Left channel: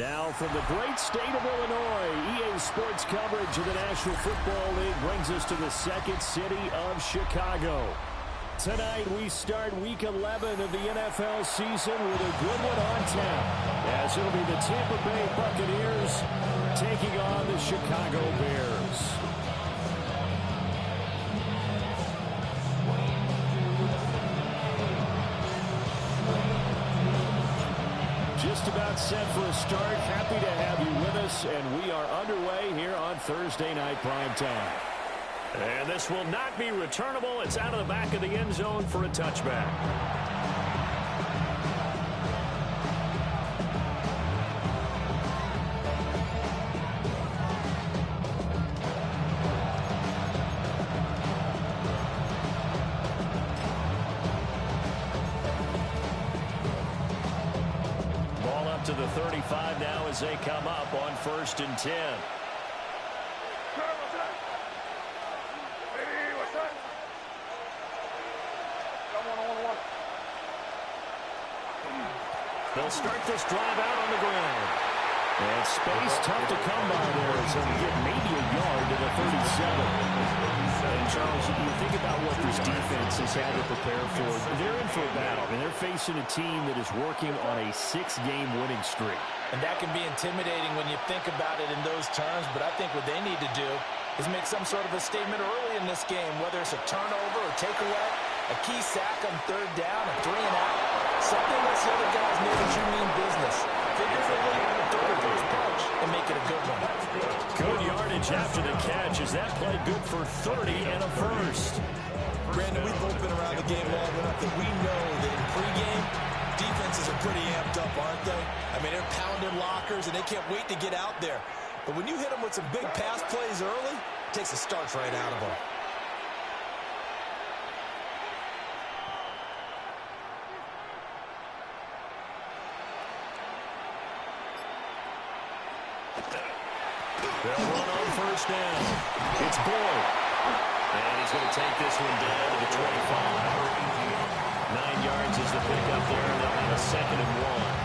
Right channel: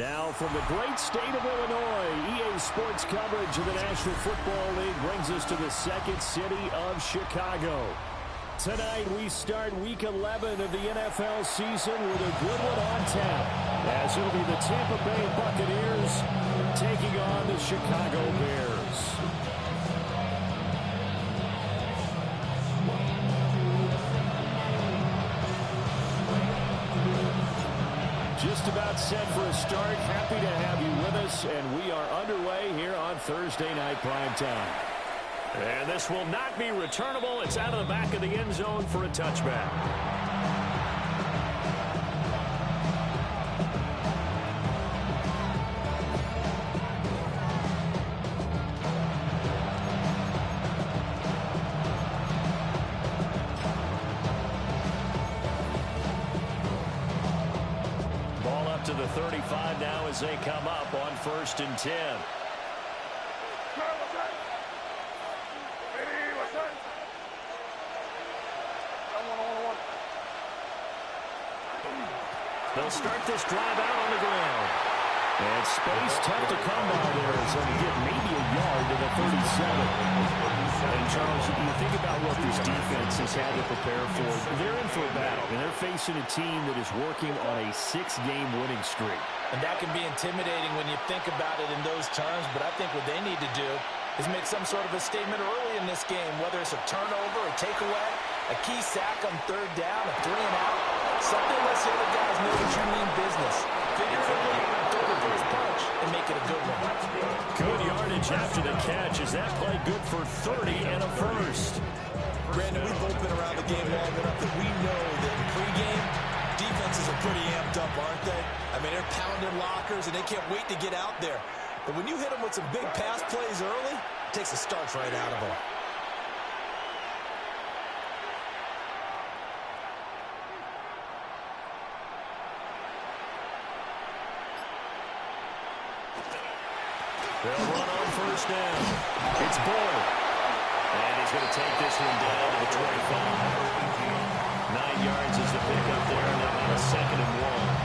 Now from the great state of Illinois, EA Sports coverage of the National Football League brings us to the second city of Chicago. Tonight we start Week 11 of the NFL season with a good one on tap, as it'll be the Tampa Bay Buccaneers taking on the Chicago Bears. Just about set for a start. Happy to have you with us, and we are underway here on Thursday Night Primetime. And this will not be returnable. It's out of the back of the end zone for a touchback. Ball up to the 35 now as they come up on 1st and 10. They'll start this drive out on the ground. And space tough to come by there as they'll get maybe a yard to the 37. And Charles, you think about what this defense has had to prepare for. They're in for a battle, and they're facing a team that is working on a 6-game winning streak. And that can be intimidating when you think about it in those terms, but I think what they need to do is make some sort of a statement early in this game, whether it's a turnover or takeaway, a key sack on 3rd down, a 3-and-out, something lets the other guys know that you mean business. Figuratively, throw the first punch and make it a good one. Good yardage after the catch. Is that play good for 30 and a first? Brandon, we've both been around the game long enough that we know that in pregame, defenses are pretty amped up, aren't they? I mean, they're pounding lockers, and they can't wait to get out there. But when you hit them with some big pass plays early, it takes the starch right out of them. They'll run on 1st down. It's Boyd. And he's going to take this one down to the 25. 9 yards is the pickup there, and they'll have a 2nd and 1.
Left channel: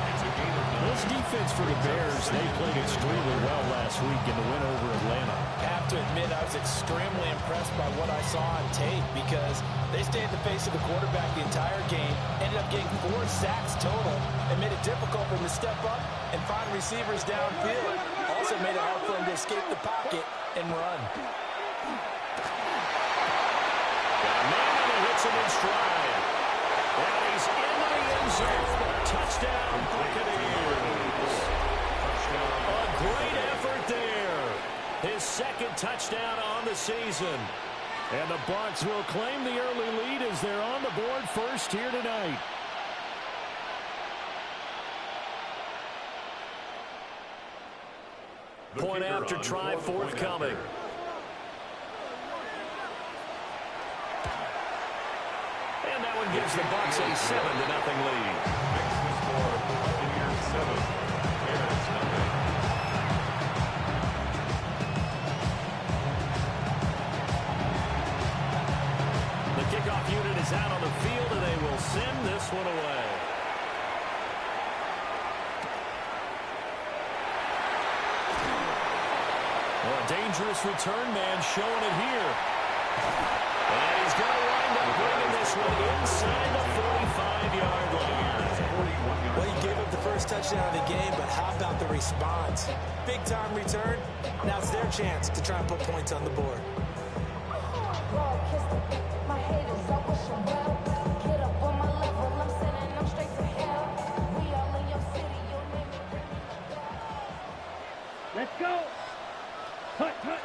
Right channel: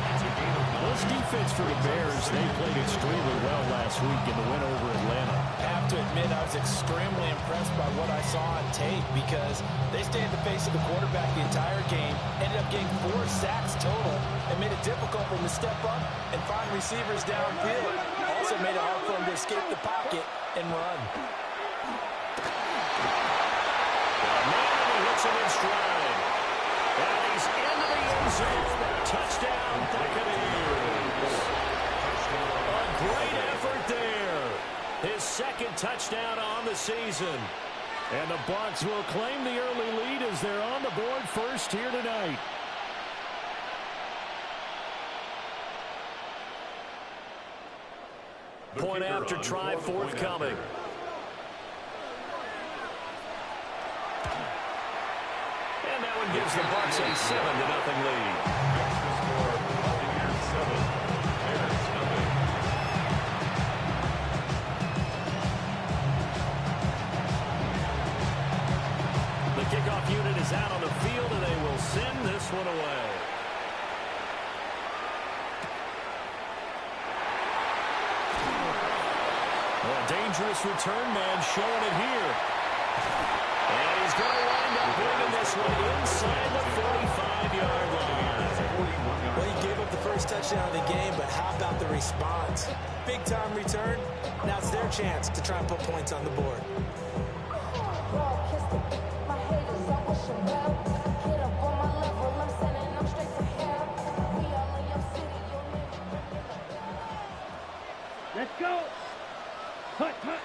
This defense for the Bears, they played extremely well last week in the win over Atlanta. I have to admit, I was extremely impressed by what I saw on tape because they stayed at the face of the quarterback the entire game, ended up getting 4 sacks total, and made it difficult for him to step up and find receivers downfield. Also made it hard for him to escape the pocket and run. Got a man, and he hits him in stride. And he's into the end zone. Touchdown, Buccaneers. A great effort there. His 2nd touchdown on the season. And the Bucs will claim the early lead as they're on the board first here tonight. Point after try forthcoming. And that one gives the Bucs a 7-0 lead. Makes the score Buccaneers 7, Bears nothing. The kickoff unit is out on the field, and they will send this one away. Oh, a dangerous return man showing it here. And he's going to wind up bringing this one inside the 45-yard line. Well, he gave up the first touchdown of the game, but how about the response? Big-time return. Now it's their chance to try and put points on the board. Let's go. Hut, hut.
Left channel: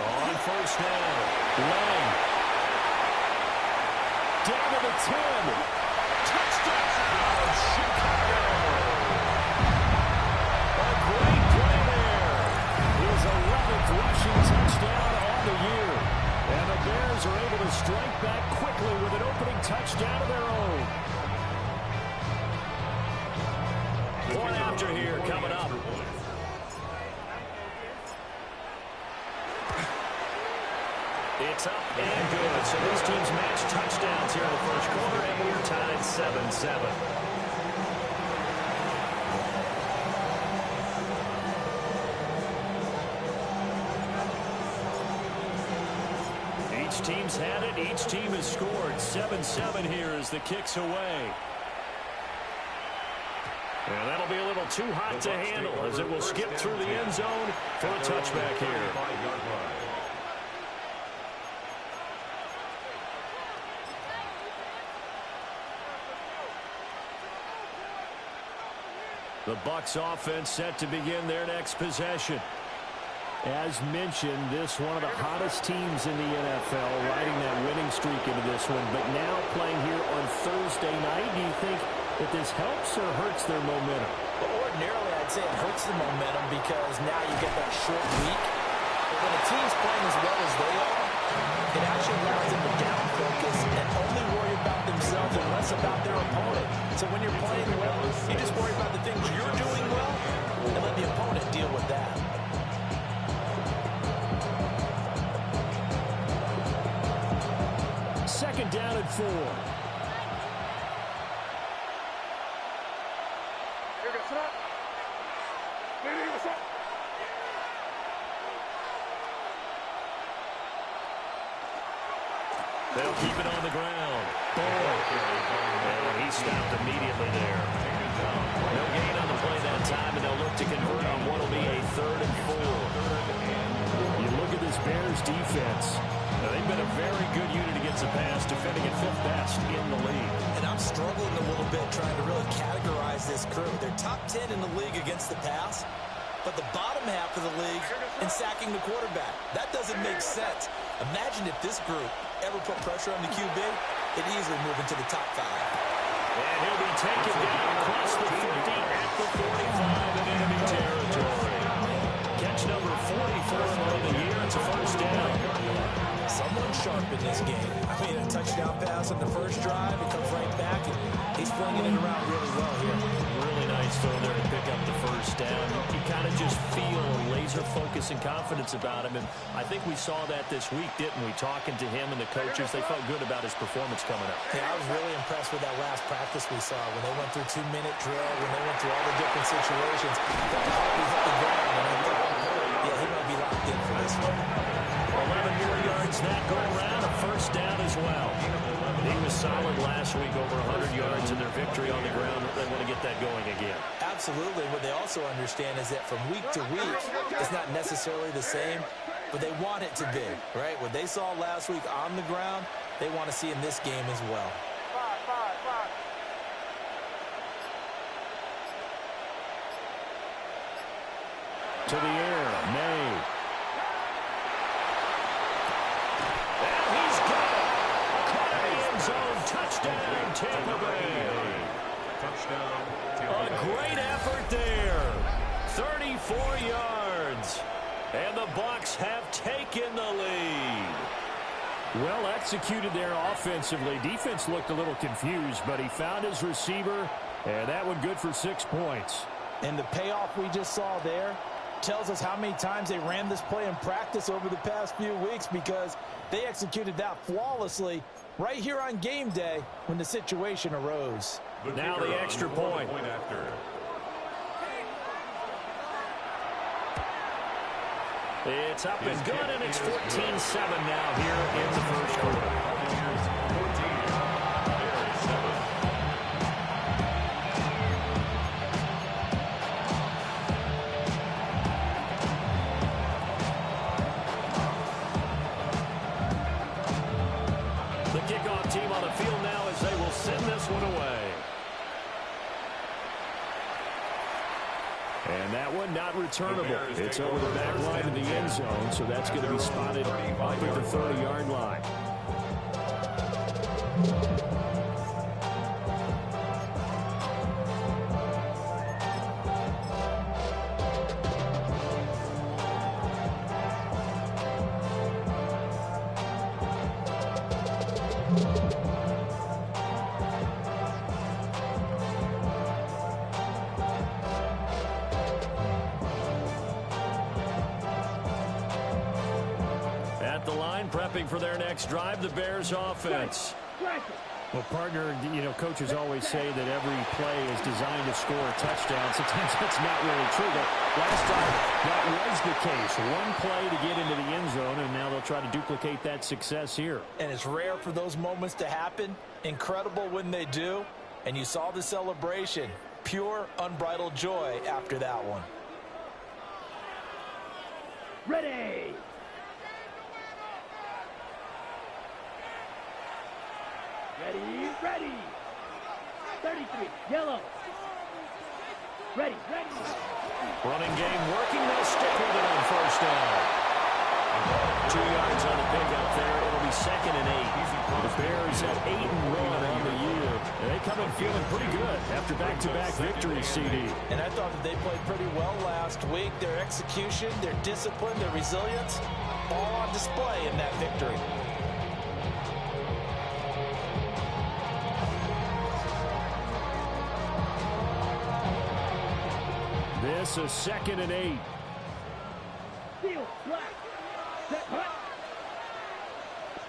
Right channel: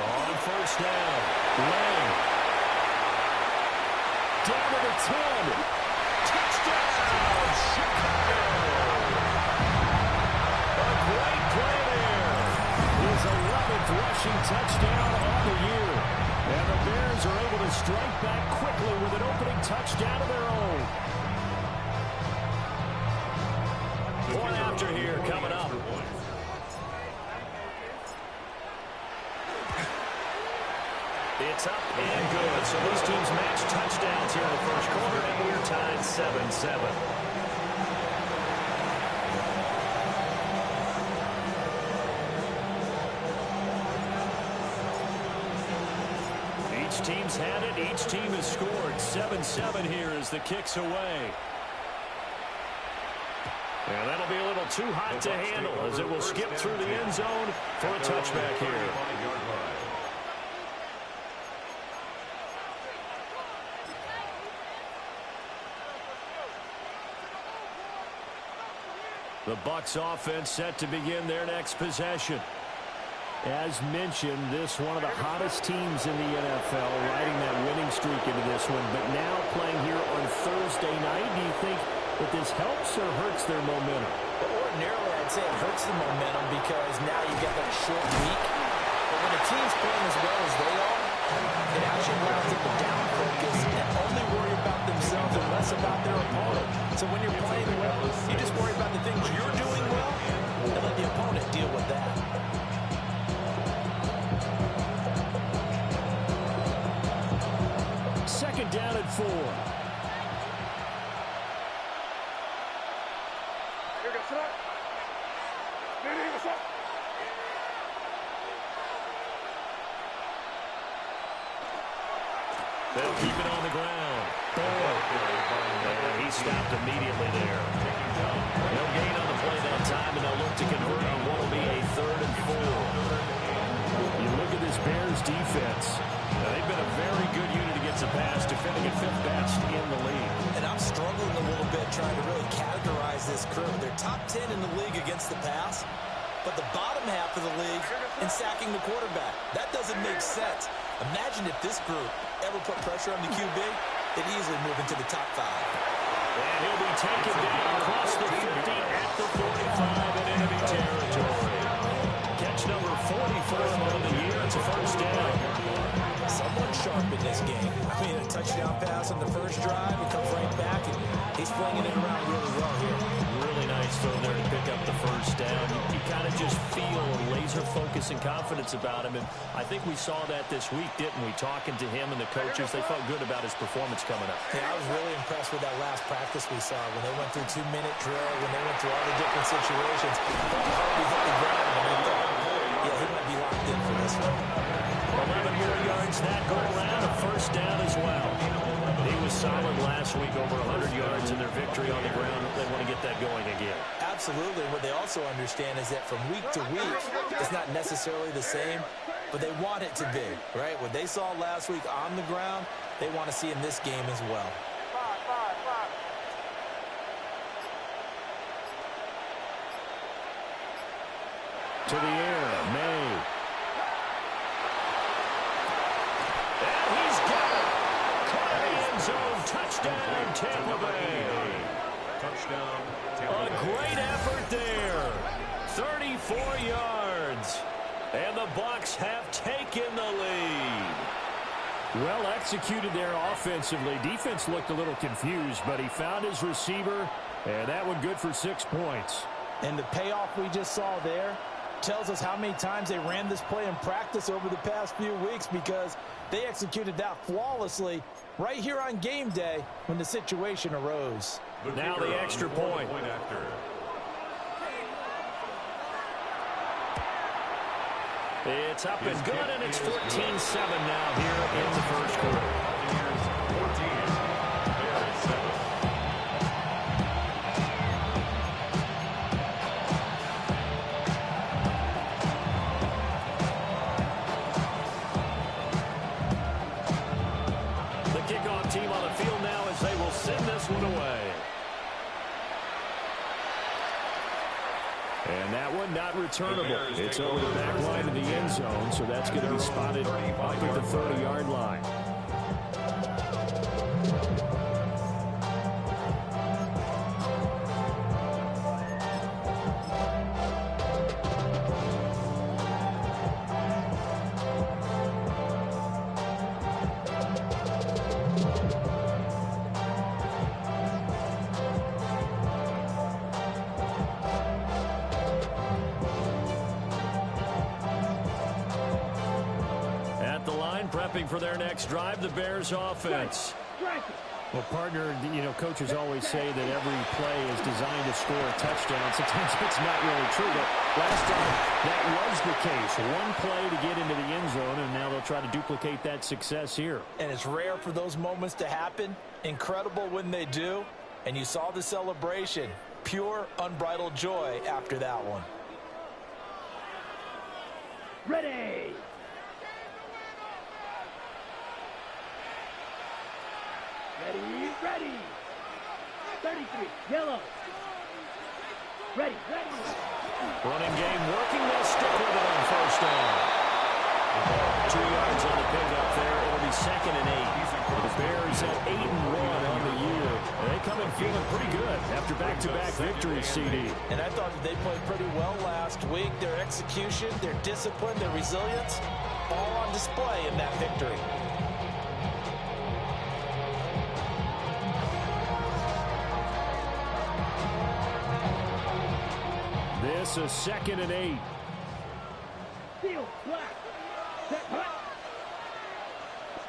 On 1st down, Lang. Down to the 10. Touchdown, Chicago. A great play there. His 11th rushing touchdown on the year. And the Bears are able to strike back quickly with an opening touchdown of their own. Point after here coming up. It's up and good. So these teams match touchdowns here in the first quarter, and we're tied 7-7. Each team's had it. Each team has scored. 7-7 here as the kick's away. And that'll be a little too hot to handle as it will skip through the end zone for a touchback here. The Bucs offense set to begin their next possession. As mentioned, this one of the hottest teams in the NFL, riding that winning streak into this one. But now playing here on Thursday night, do you think that this helps or hurts their momentum? Well, ordinarily, I'd say it hurts the momentum because now you get that short week. But when a team's playing as well as they are, it actually allows them to down focus and only worry about themselves and less about their opponent. So when you're playing well, you just worry about the things you're doing well and let the opponent deal with that. Second down and 4. They'll keep it on the ground. And he stopped immediately there. No gain on the play that time, and they'll look to convert on what will be a 3rd and 4. You look at this Bears defense. Now, they've been a very good unit against the pass, defending at 5th best in the league. And I'm struggling a little bit trying to really categorize this crew. They're top 10 in the league against the pass, but the bottom half of the league in sacking the quarterback. That doesn't make sense. Imagine if this group ever put pressure on the QB, they'd easily move into the top 5. And he'll be taken down across the 50 at the 45 in enemy territory. Catch number 44 on the year. It's a first down. Someone sharp in this game. I mean, a touchdown pass on the first drive. It comes right back, and he's flinging it around really well here. Really nice throw there to pick up the first down. You kind of just feel a laser focus and confidence about him, and I think we saw that this week, didn't we? Talking to him and the coaches, they felt good about his performance coming up. Yeah, I was really impressed with that last practice we saw when they went through 2-minute drill, when they went through all the different situations. Thought Harvey hit the ground, and I thought, yeah, he might be locked in for this one. 11 more yards that go around, a first down as well. He was solid last week, over 100 yards in their victory on the ground. They want to get that going again. Absolutely. What they also understand is that from week to week, it's not necessarily the same, but they want it to be, right? What they saw last week on the ground, they want to see in this game as well. To the air, May. And he's got it. Caught in the end zone. Touchdown, Tampa Bay. Touchdown, Tampa Bay. A great effort there. 34 yards. And the Bucs have taken the lead. Well executed there offensively. Defense looked a little confused, but he found his receiver, and that one good for 6 points. And the payoff we just saw there tells us how many times they ran this play in practice over the past few weeks, because they executed that flawlessly right here on game day when the situation arose. Now the extra point. After. It's up and good, and it's 14-7 now here in the first quarter. Buccaneers 14, Bears 7. The kickoff team on the field now as they will send this one away. And that one not returnable. It's over the back line of the end zone, so that's going to be spotted up at the 30-yard line. Prepping for their next drive, the Bears offense. Well, partner, you know, coaches always say that every play is designed to score a touchdown. Sometimes that's not really true, but last time that was the case. One play to get into the end zone, and now they'll try to duplicate that success here. And it's rare for those moments to happen. Incredible when they do. And you saw the celebration. Pure, unbridled joy after that one. Ready. Ready, ready. 33, yellow. Ready, ready. Running game working. They'll stick with it on first down. 2 yards on the pickup there. It'll be 2nd and 8. The Bears at 8-1 on the year. They come in feeling pretty good after back-to-back victories, CD. And I thought that they played pretty well last week. Their execution, their discipline, their resilience, all on display in that victory. This is 2nd and 8. Field, black. Set, hut.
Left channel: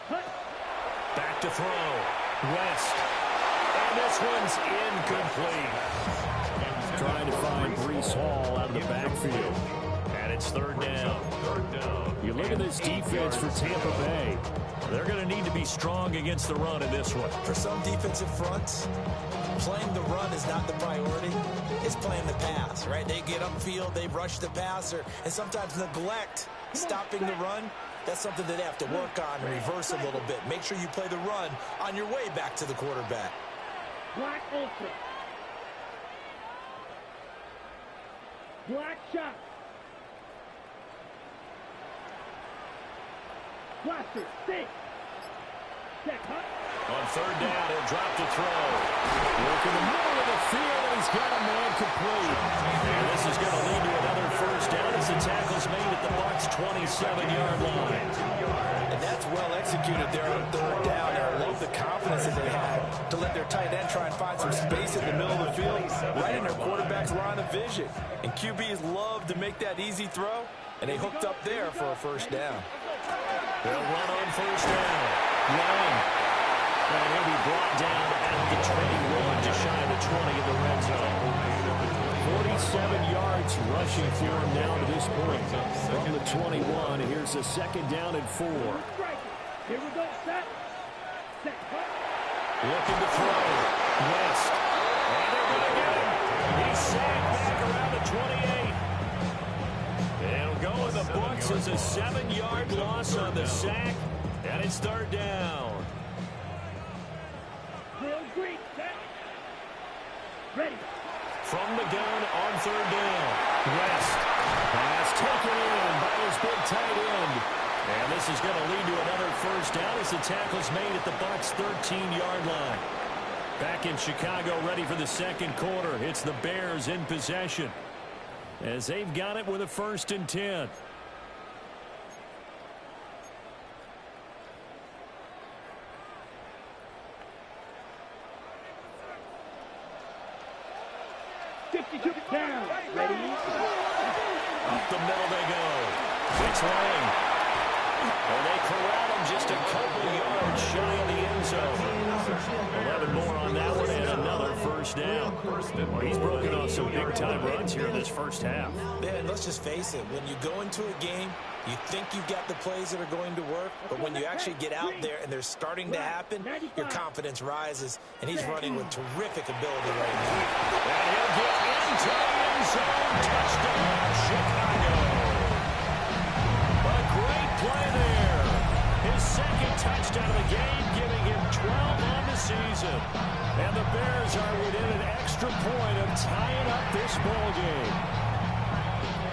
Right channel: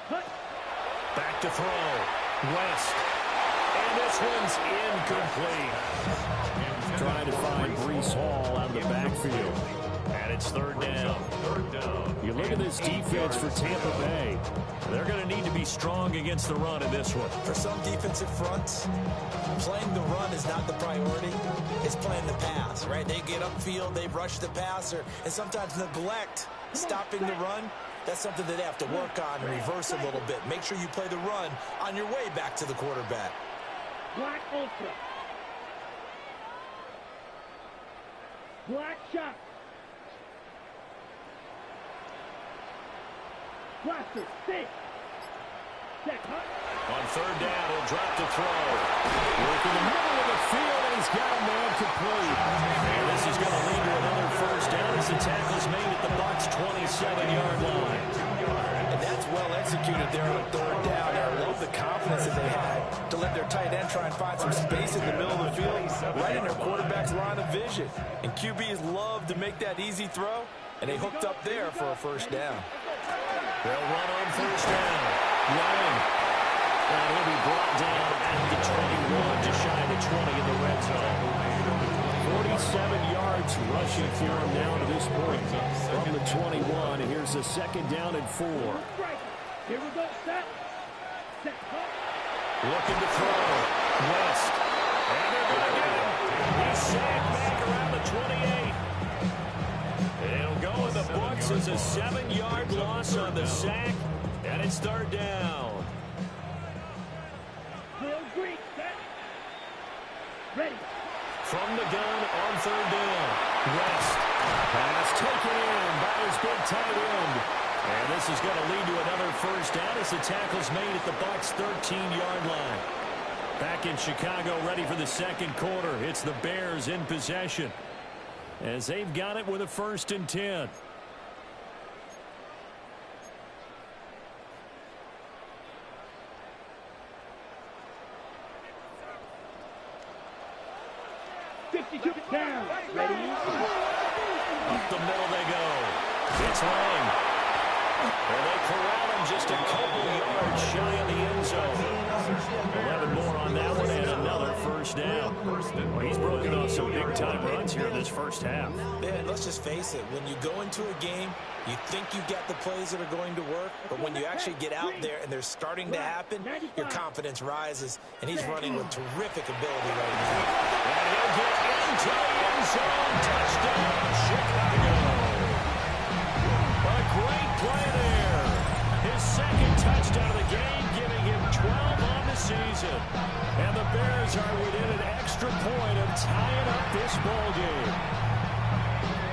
Hut. Back to throw. West. And this one's incomplete. Trying to find Breece Hall out of the backfield. And it's 3rd down. You look at this defense for Tampa Bay. They're going to need to be strong against the run in this one. For some defensive fronts, playing the run is not the priority. It's playing the pass, right? They get upfield, they rush the passer, and sometimes neglect stopping the run. That's something that they have to work on and reverse a little bit. Make sure you play the run on your way back to the quarterback. Black ultra. Black shot. Blaster, six. Set, hut. On 3rd down, he'll drop to throw. Work in the middle of the field, and he's got a man complete. And this is going to lead to another first down as the tackle's made at the Bucs' 27-yard line. And that's well executed there on 3rd down. And I love the confidence that they had to let their tight end try and find some space in the middle of the field, right in their quarterback's line of vision. And QBs love to make that easy throw, and they hooked up there for a first down. They'll run on first down. Lang. And he'll be brought down at the 21, just shy of the 20 in the red zone. 47 yards rushing for him now to this point. From the 21, here's a 2nd down and 4. Here we go, set. Set, hut. Looking to throw. West. And they're going to get him. He's sacked back around the 28. It'll go in the books as a 7-yard loss on the sack. And it's 3rd down. Real green, set. Ready. From the gun on 3rd down. West. Pass taken in by his big tight end. And this is going to lead to another first down as the tackle's made at the Bucs' 13-yard line. Back in Chicago, ready for the 2nd quarter. It's the Bears in possession as they've got it with a 1st and 10. Down. Ready. Up the middle they go. It's Lang. And they corral him just a couple yards shy of the end zone. 11 more on that one and another first down. Well, he's broken off some big-time runs here in this first half. Man, let's just face it. When you go into a game, you think you've got the plays that are going to work, but when you actually get out there and they're starting to happen, your confidence rises, and he's running with terrific ability right now. And he'll get into the end zone. Touchdown, Chicago. A great play there. His 2nd touchdown of the game, giving him 12 on the season. And the Bears are within an extra point of tying up this ball game.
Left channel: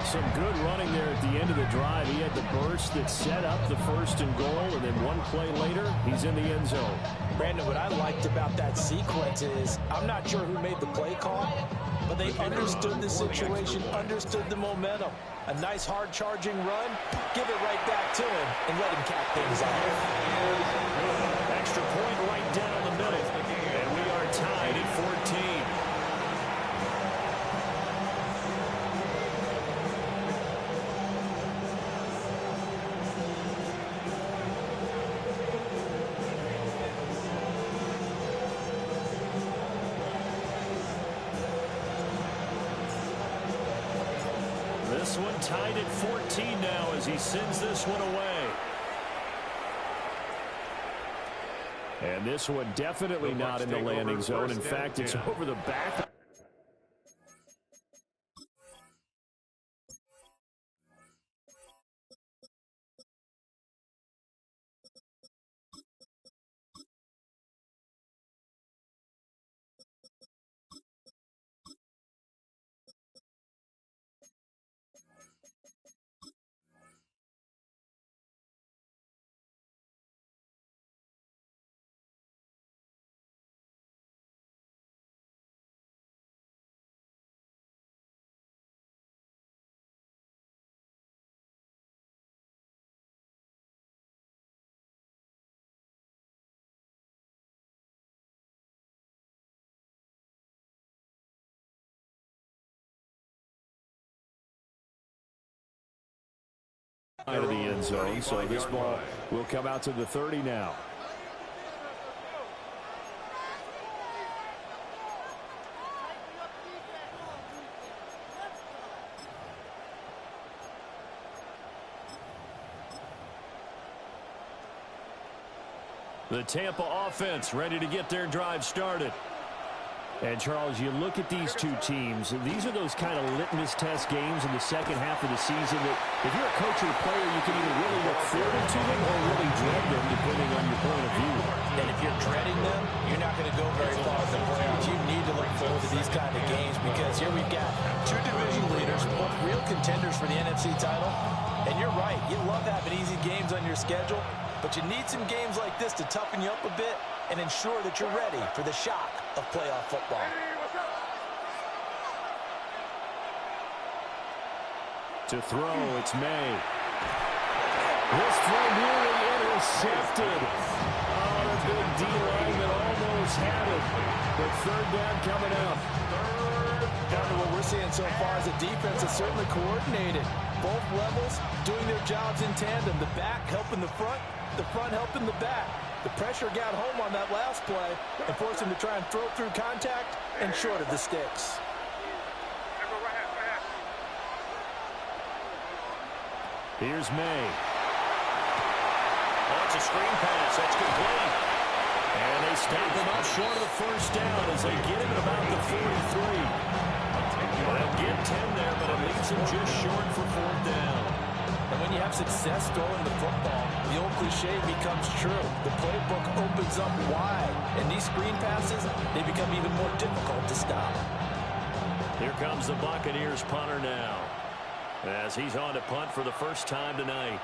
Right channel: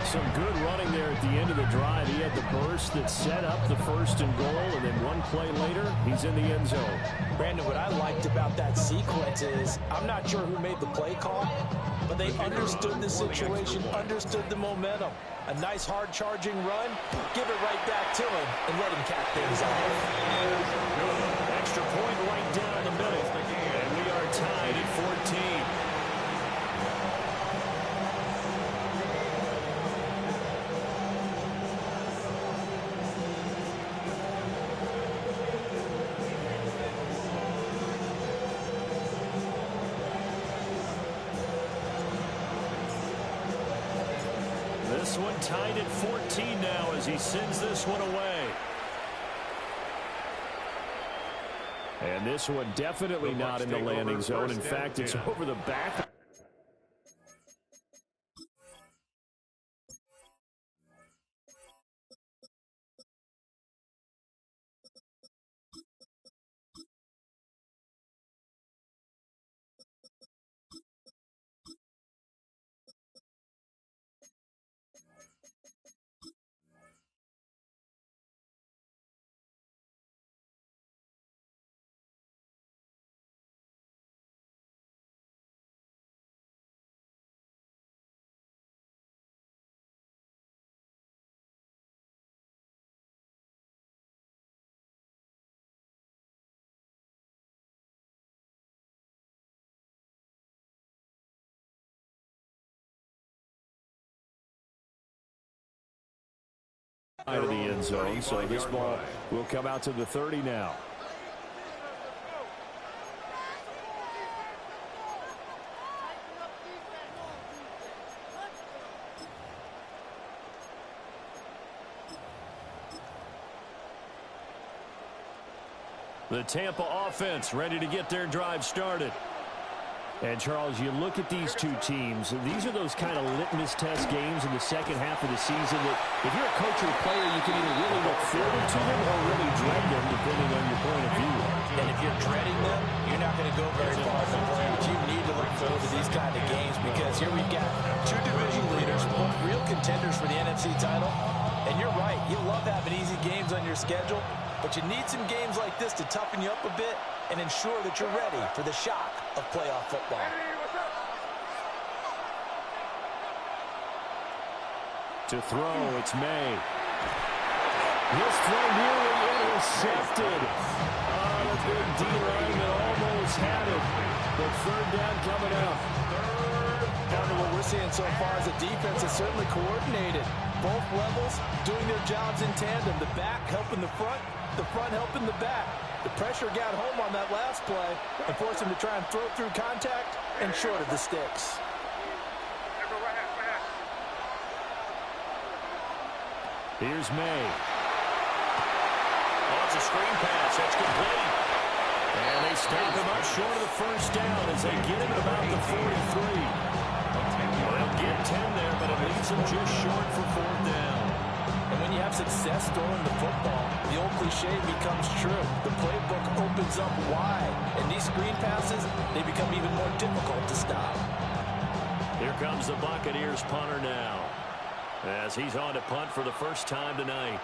Some good running there at the end of the drive. He had the burst that set up the 1st and goal, and then one play later, he's in the end zone. Brandon, what I liked about that sequence is I'm not sure who made the play call, but they understood the situation, understood the momentum. A nice hard-charging run, give it right back to him, and let him cap things off. Extra point right down the middle, and we are tied at 14. this one tied at 14 now as he sends this one away. And this one definitely not in the landing zone. In fact, it's over the back. Out of the end zone, so this ball will come out to the 30 now. The Tampa offense ready to get their drive started. And, Charles, you look at these two teams, these are those kind of litmus test games in the second half of the season that if you're a coach or a player, you can either really look forward to them or really dread them, depending on your point of view. And if you're dreading them, you're not going to go very far in the playoffs. You need to look forward to these kind of games because here we've got two division leaders, both real contenders for the NFC title. And you're right, you love having easy games on your schedule, but you need some games like this to toughen you up a bit and ensure that you're ready for the shock of playoff football. To throw, it's May. This throw nearly intercepted. Oh, the big D lineman almost had it. But third down coming up. Partner, what we're seeing so far is the defense is certainly coordinated. Both levels doing their jobs in tandem. The back helping the front helping the back. The pressure got home on that last play and forced him to try and throw through contact and short of the sticks. Here's May. Oh, it's a screen pass. That's complete. And they stop him up short of the first down as they get him at about the 43. They'll get 10 there, but it leaves them just short for fourth down. And when you have success throwing the football, the old cliche becomes true. The playbook opens up wide, and these screen passes, they become even more difficult to stop. Here comes the Buccaneers punter now, as he's on to punt for the first time tonight.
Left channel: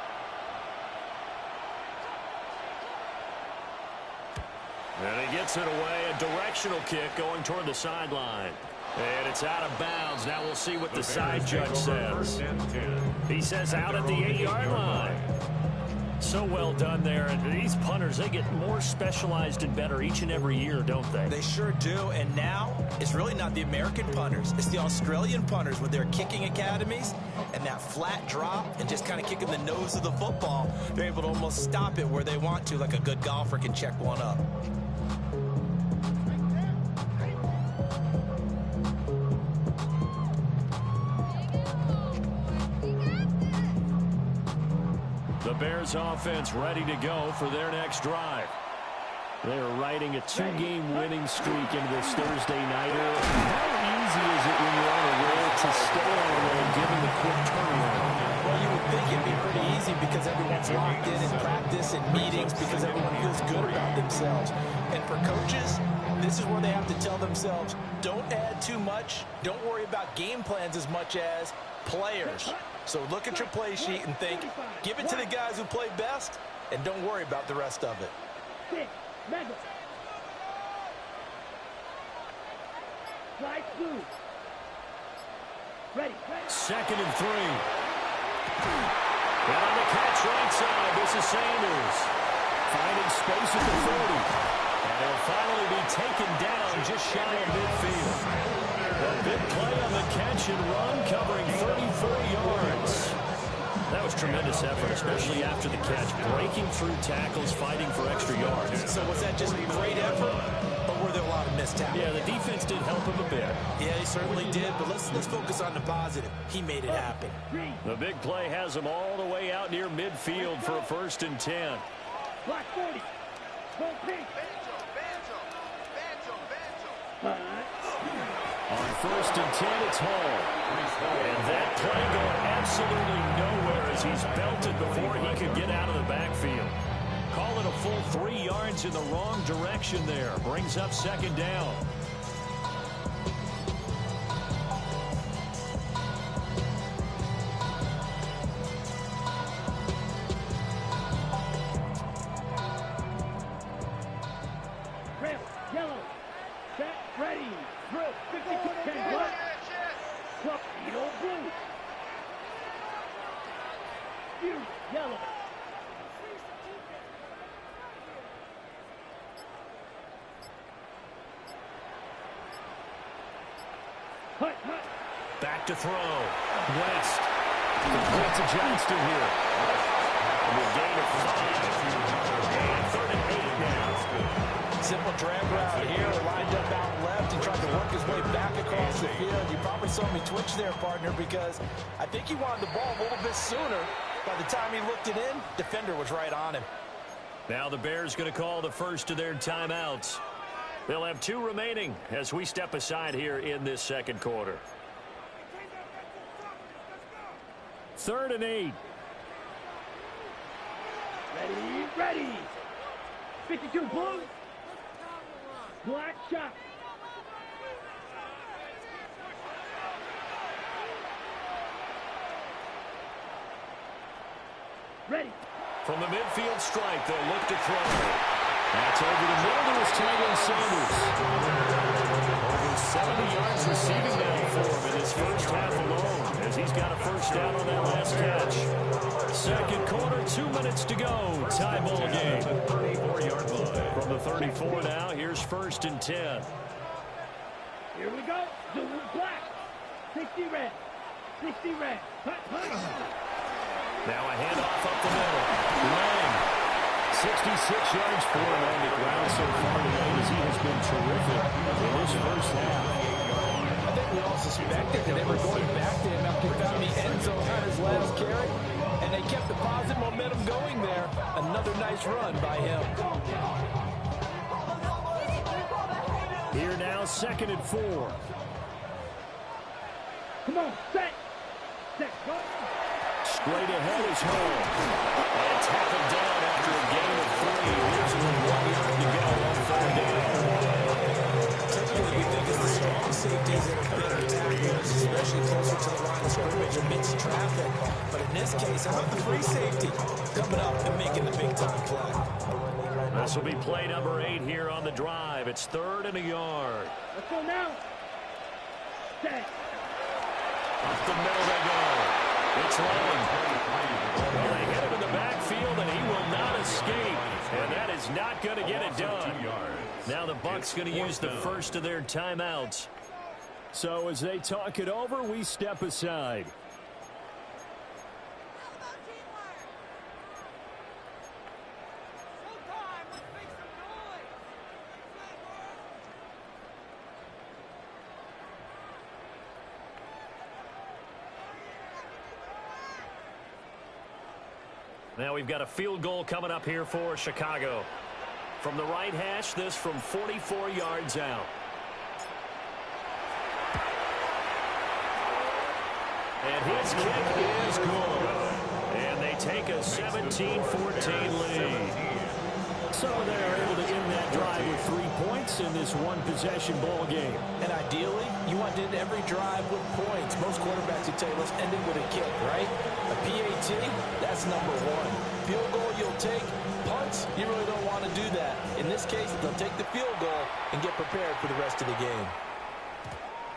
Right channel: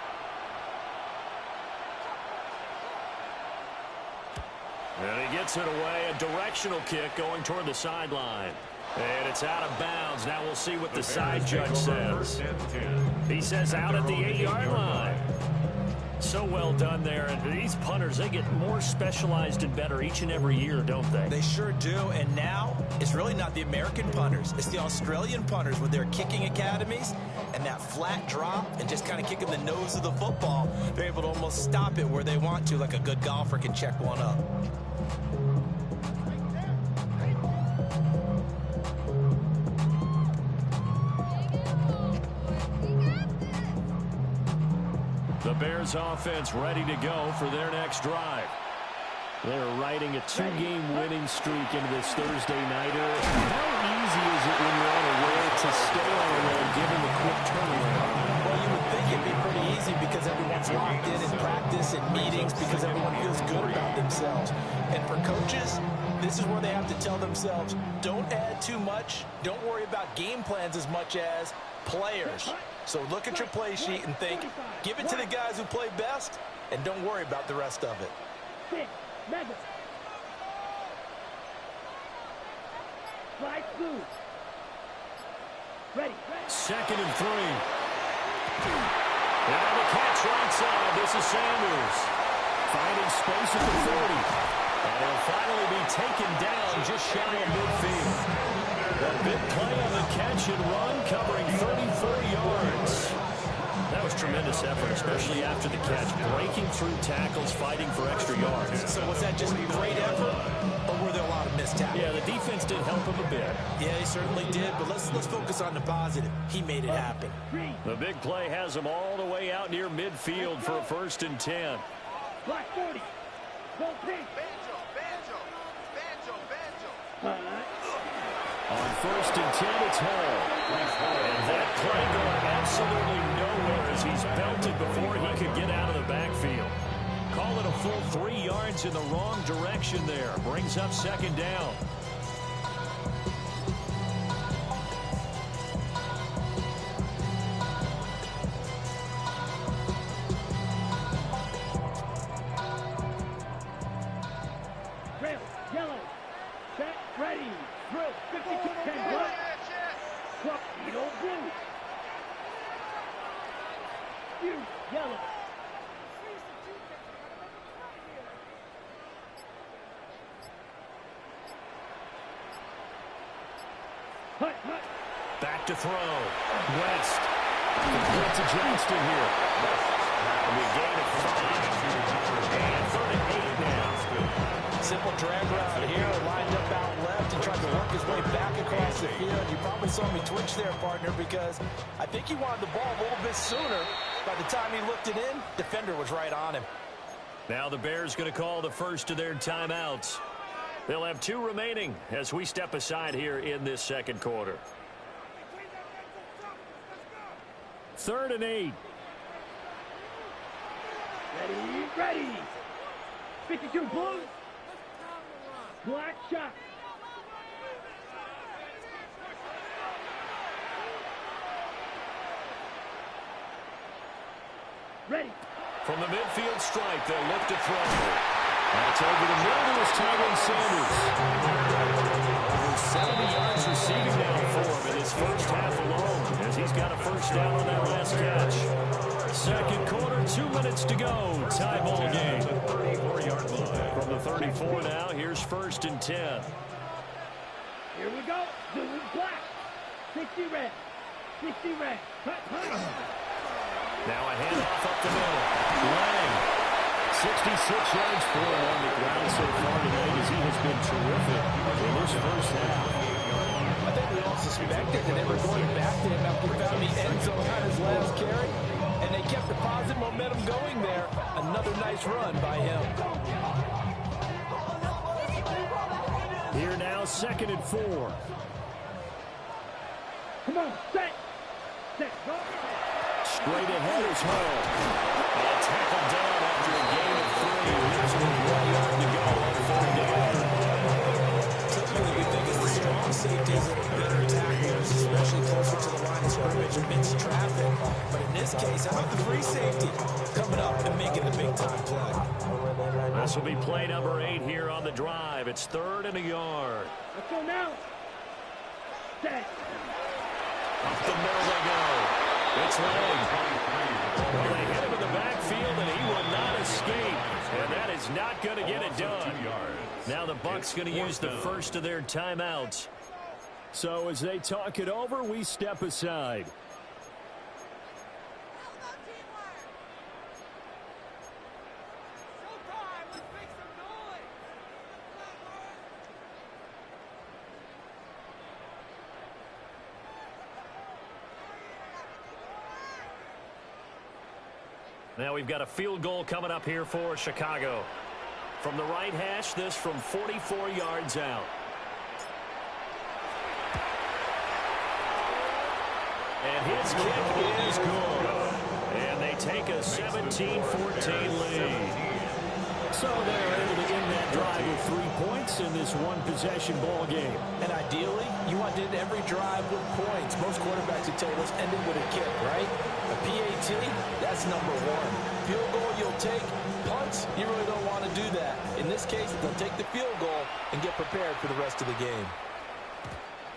And he gets it away, a directional kick going toward the sideline. And it's out of bounds. Now we'll see what the side judge says. He says out at the 8-yard line. So well done there. And these punters, they get more specialized and better each and every year, don't they? They sure do. And now it's really not the American punters. It's the Australian punters with their kicking academies and that flat drop and just kind of kicking the nose of the football. They're able to almost stop it where they want to, like a good golfer can check one up. The Bears offense ready to go for their next drive. They're riding a two-game winning streak into this Thursday nighter. How easy is it when you're on a roll to stay on a roll given the quick turnaround? Well, you would think it'd be pretty easy because everyone's locked in practice and meetings because everyone feels good about themselves. And for coaches, this is where they have to tell themselves, don't add too much. Don't worry about game plans as much as players. So look at your play sheet and think, give it to the guys who play best, and don't worry about the rest of it. Slide through. Ready. 2nd and 3. And on the catch right side, this is Sanders. Finding space at the 40. And he'll finally be taken down just shy of midfield. A big play on the catch and run, covering 34 yards. That was tremendous effort, especially after the catch. Breaking through tackles, fighting for extra yards. So was that just great effort, or were there a lot of missed tackles? Yeah, the defense did help him a bit. Yeah, he certainly did, but let's focus on the positive. He made it happen. The big play has him all the way out near midfield for a 1st and 10. Black 40. Go pink. On 1st and 10, it's Hall. And that play going absolutely nowhere as he's belted before he could get out of the backfield. Call it a full 3 yards in the wrong direction there. Brings up 2nd down. Red, yellow. Set, ready. Drill. 52, 10, black. Club, Edo, blue. You, yellow. Hut, hut. Back to throw. West. Complete to Johnston here. It'll be a gain of 5. And 3rd and 8 now. Simple drag route here, lined up out left and tried to work his way back across the field. You probably saw me twitch there, partner, because I think he wanted the ball a little bit sooner. By the time he looked it in, defender was right on him. Now the Bears going to call the first of their timeouts. They'll have 2 remaining as we step aside here in this 2nd quarter. 3rd and 8. Ready, ready. 52, blue. Black shot. Ready. From the midfield stripe, they'll look to throw. That's over the middle to his Tyrone Sanders. Over 70 yards receiving now for him in his first half alone, as he's got a 1st down on that last catch. 2nd quarter, 2 minutes to go. Tie ball game. 34-yard line. From the 34 now, here's 1st and 10. Here we go. Blue, black. 60 red. 60 red. Hut, hut. Now a handoff up the middle. Lang. 66 yards for him on the ground so far tonight as he has been terrific in his first half. I think we all suspected that they were going back to him after he found the end zone on his last carry, and they kept the positive momentum going there. Another nice run by him. Here now, 2nd and 4. Come on, set. Set, go. Straight ahead is Hall. And tackled down after a gain of 3. Leaves with 1 yard to go on 3rd down. Typically, we think of the strong safeties that are better tacklers, especially closer to the line of scrimmage amidst traffic. But in this case, how about the free safety coming up and making the big-time play? This will be play number 8 here on the drive. It's 3rd and a yard. Let's go now. Set. Up the middle they go. It's Lang. Well, they hit him in the backfield, and he will not escape. And that is not going to get it done. Now the Bucs going to use the first of their timeouts. So as they talk it over, we step aside. Now we've got a field goal coming up here for Chicago. From the right hash, this from 44 yards out. And his kick is good. And they take a 17-14 lead. So they're able to end that drive with 3 points in this one-possession ball game. And ideally, you want to end every drive with points. Most quarterbacks would tell you, let's end it with a kick, right? A PAT, that's number 1. Field goal you'll take. Punts, you really don't want to do that. In this case, they'll take the field goal and get prepared for the rest of the game.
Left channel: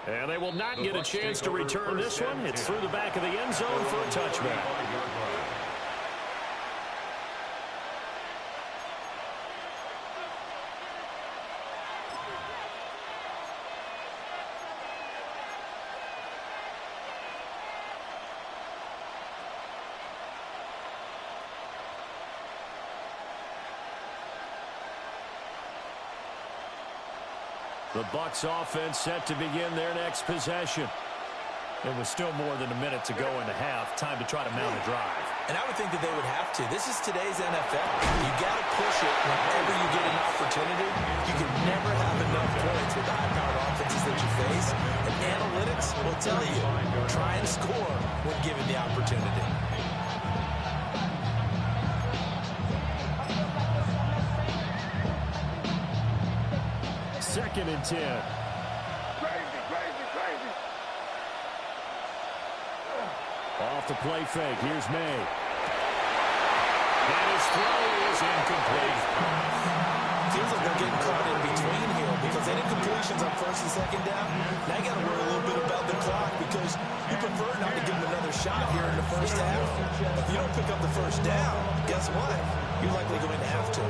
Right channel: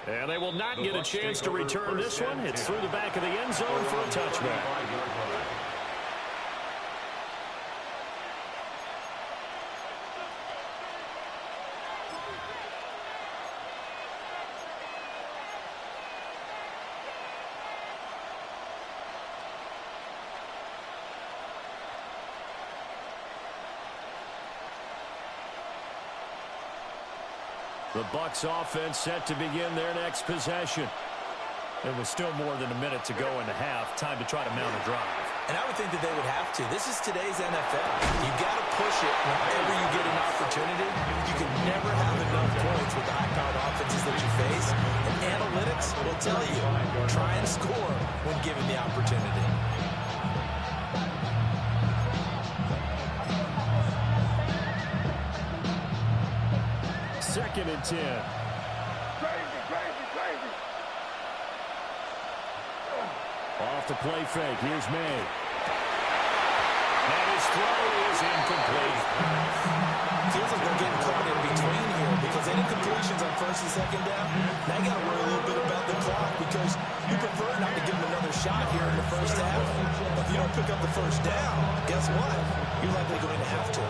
And they will not get a chance to return this one. It's through the back of the end zone for a touchback. The Bucs offense set to begin their next possession. There was still more than a minute to go in the half. Time to try to mount a drive. And I would think that they would have to. This is today's NFL. You got to push it whenever you get an opportunity. You can never have enough points with the high-powered offenses that you face. And analytics will tell you, try and score when given the opportunity. Second and 10. Crazy, crazy, crazy. Off the play fake. Here's May. And his throw is incomplete. Feels like they're getting caught in between here because they did completions on first and second down. Now you got to worry a little bit about the clock because you prefer not to give them another shot here in the first half. But if you don't pick up the first down, guess what? You're likely going to have to.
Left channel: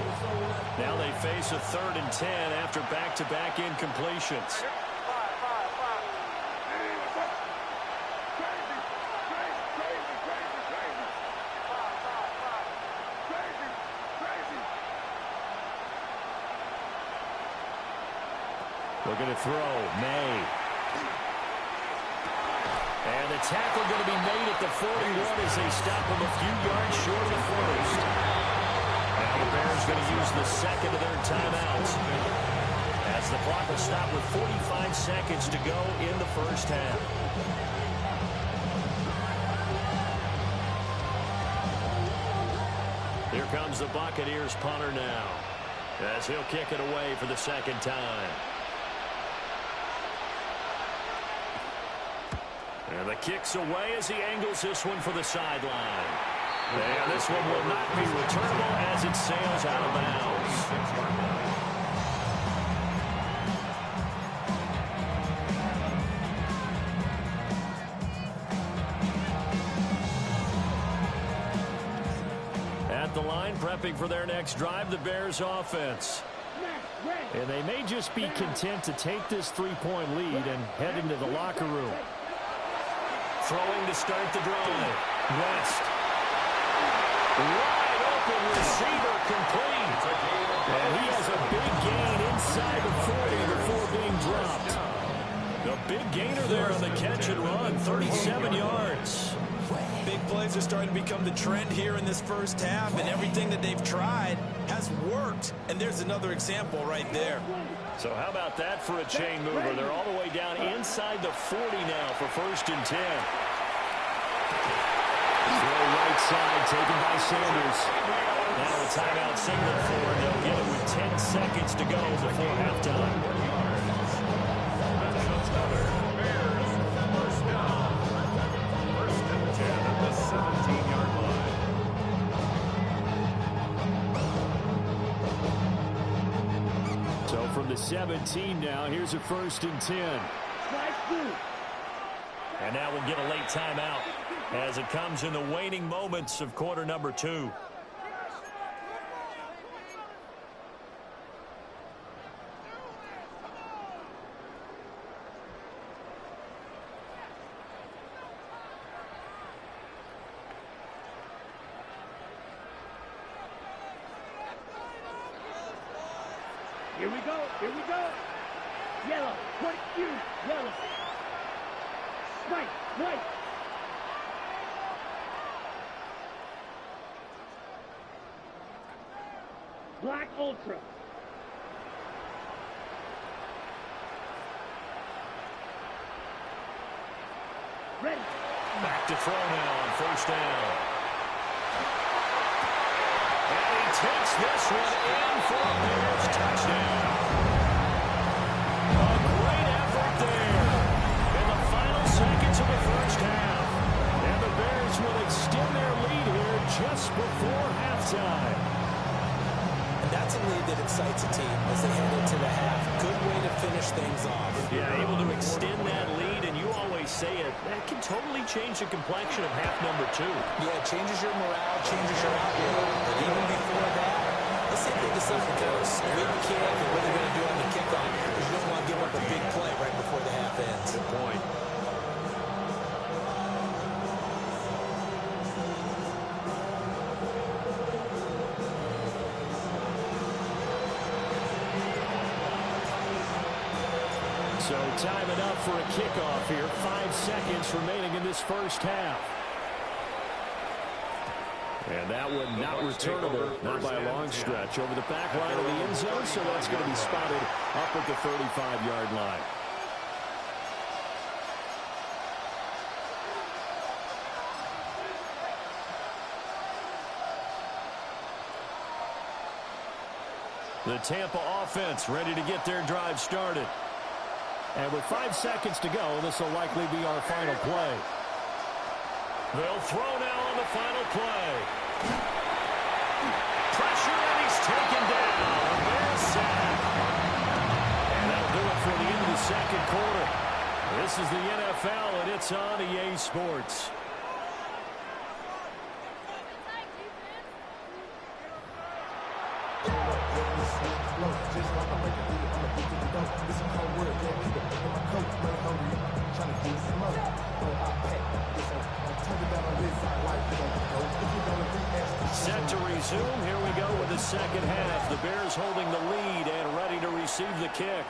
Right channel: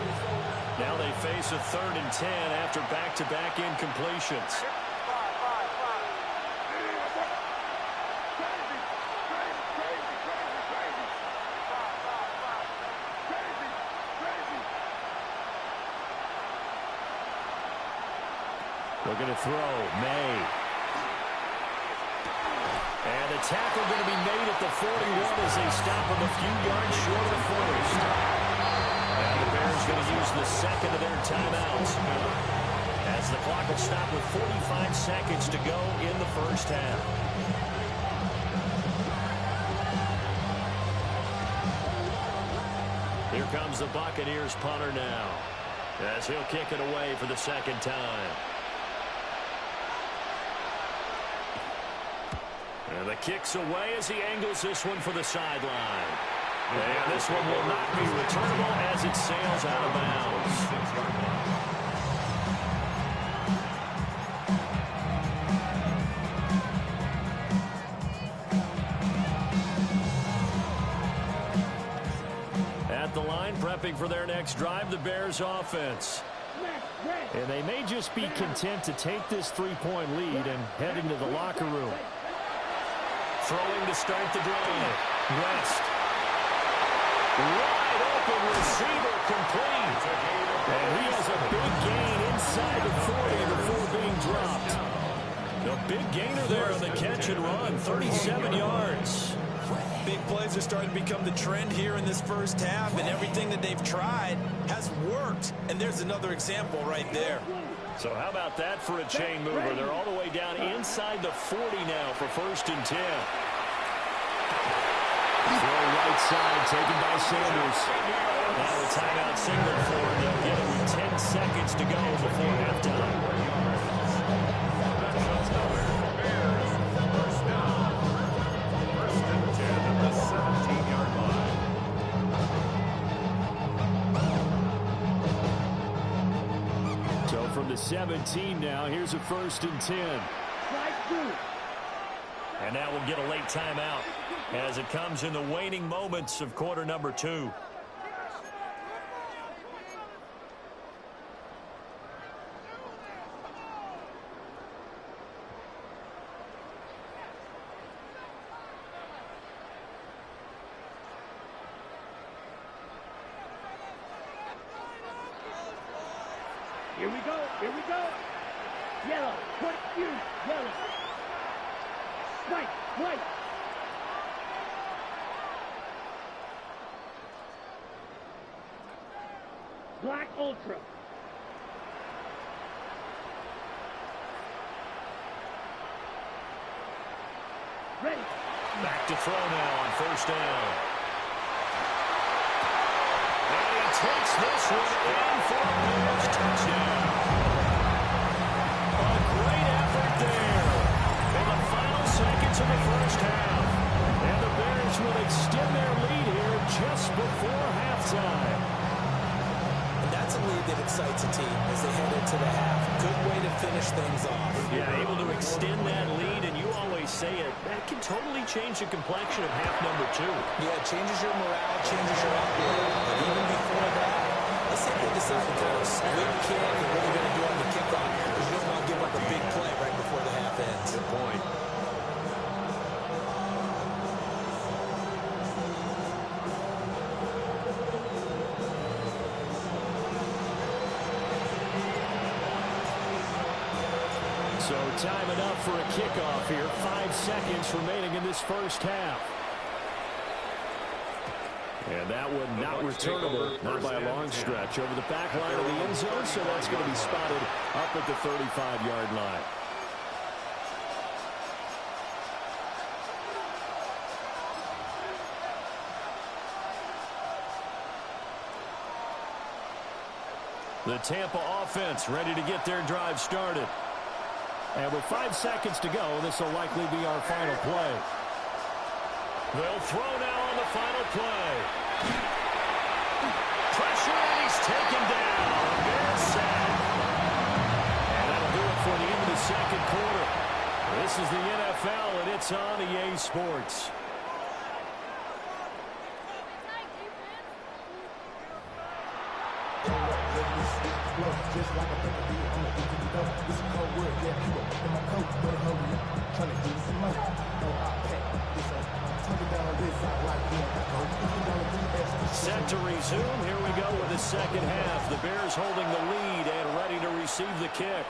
Now they face a 3rd and 10 after back-to-back incompletions. Looking to throw, May. And the tackle going to be made at the 41 as they stop him a few yards short of the first. Now the Bears going to use the second of their timeouts as the clock will stop with 45 seconds to go in the first half. Here comes the Buccaneers punter now as he'll kick it away for the second time. And the kick's away as he angles this one for the sideline. And this one will not be returnable as it sails out of bounds. At the line, prepping for their next drive, the Bears offense. And they may just be content to take this 3-point lead and head into the locker room. Throwing to start the drive. West. Wide open receiver complete. And he has a big gain inside the 40 before being dropped. The big gainer there on the catch and run, 37 yards. Big plays are starting to become the trend here in this first half, and everything that they've tried has worked. And there's another example right there. So how about that for a chain mover? They're all the way down inside the 40 now for 1st and 10. Throw right side taken by Sanders. Now a timeout signal for him. They'll get it with 10 seconds to go before halftime. Bears, first down. 1st and 10 at the 17-yard line. So from the 17 now, here's a 1st and 10. And now we'll get a late timeout as it comes in the waning moments of quarter number 2. Here we go. Here we go. Yellow. Point you. Yellow. White. White. Black Ultra. Ready. Back to throw now on 1st down. And he takes this one in for a Bears touchdown. A great effort there in the final seconds of the first half. And the Bears will extend their lead here just before halftime. And that's a lead that excites a team as they head into the half. Good way to finish things off. Yeah, able to extend that lead, and you always say it, that can totally change the complexion of half number 2. Yeah, it changes your morale, changes your outlook. But even before that, let's say they decide to kind of squib kick and what they're going to do on the kickoff, because you don't want to give up a big play right before the half ends. Good point. So time enough for a kickoff here. 5 seconds remaining in this first half. And that one not returnable, not by a long stretch, over the back line of the end zone, so that's going to be spotted up at the 35-yard line. The Tampa offense ready to get their drive started. And with 5 seconds to go, this will likely be our final play. They'll throw now on the final play. Pressure, and he's taken down. A Bears sack. And that'll do it for the end of the second quarter. This is the NFL, and it's on EA Sports. Just like a breaker beat, I'm addicted to dope. This is cold word, yeah, people in my coat, money hungry, trying to get some money. Oh, I pack this up. I'm talking down on this side like you know, go. If you don't agree, ask. Set to resume. Here we go with the second half. The Bears holding the lead and ready to receive the kick.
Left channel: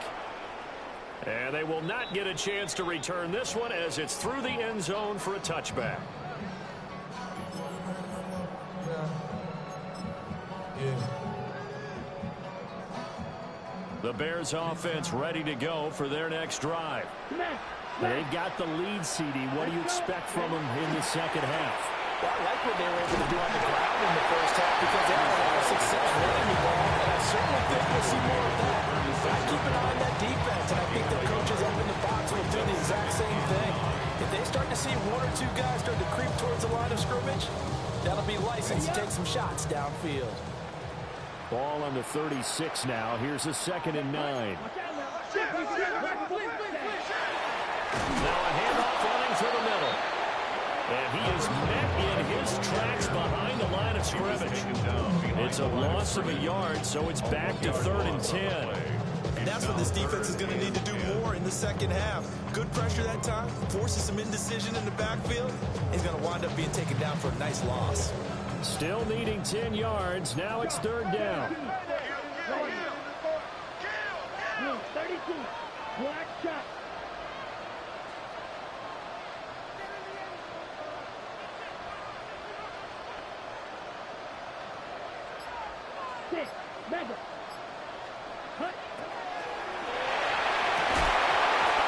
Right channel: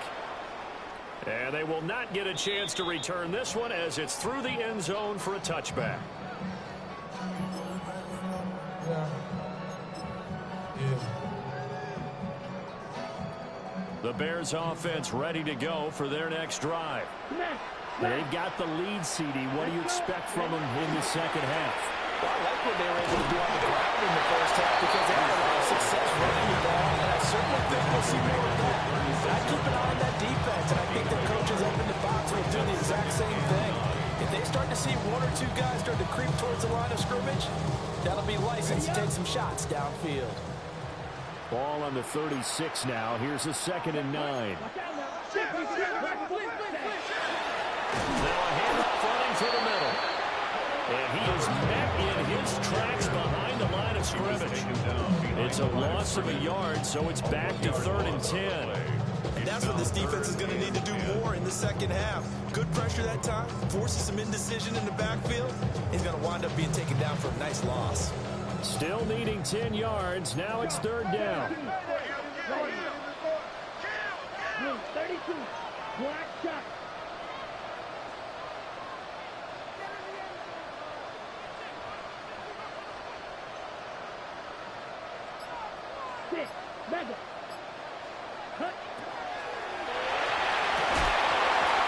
And they will not get a chance to return this one as it's through the end zone for a touchback. The Bears offense ready to go for their next drive. They've got the lead, CD. What do you expect from them in the second half? Well, I like what they were able to do on the ground in the first half because they had a lot of success running the ball, and I certainly think we'll see more of that. I keep an eye on that defense, and I think the coaches up in the box will do the exact same thing. If they start to see one or two guys start to creep towards the line of scrimmage, that'll be license to take some shots downfield. Ball on the 36 now. Here's a 2nd and 9. Now a handoff running through the middle. And he is met in his tracks behind the line of scrimmage. It's a loss of a yard, so it's back to 3rd and 10. And that's what this defense is going to need to do more in the second half. Good pressure that time, forces some indecision in the backfield. He's going to wind up being taken down for a nice loss. Still needing 10 yards. Now it's 3rd down. 32. Black shot. Six. Mega. Cut.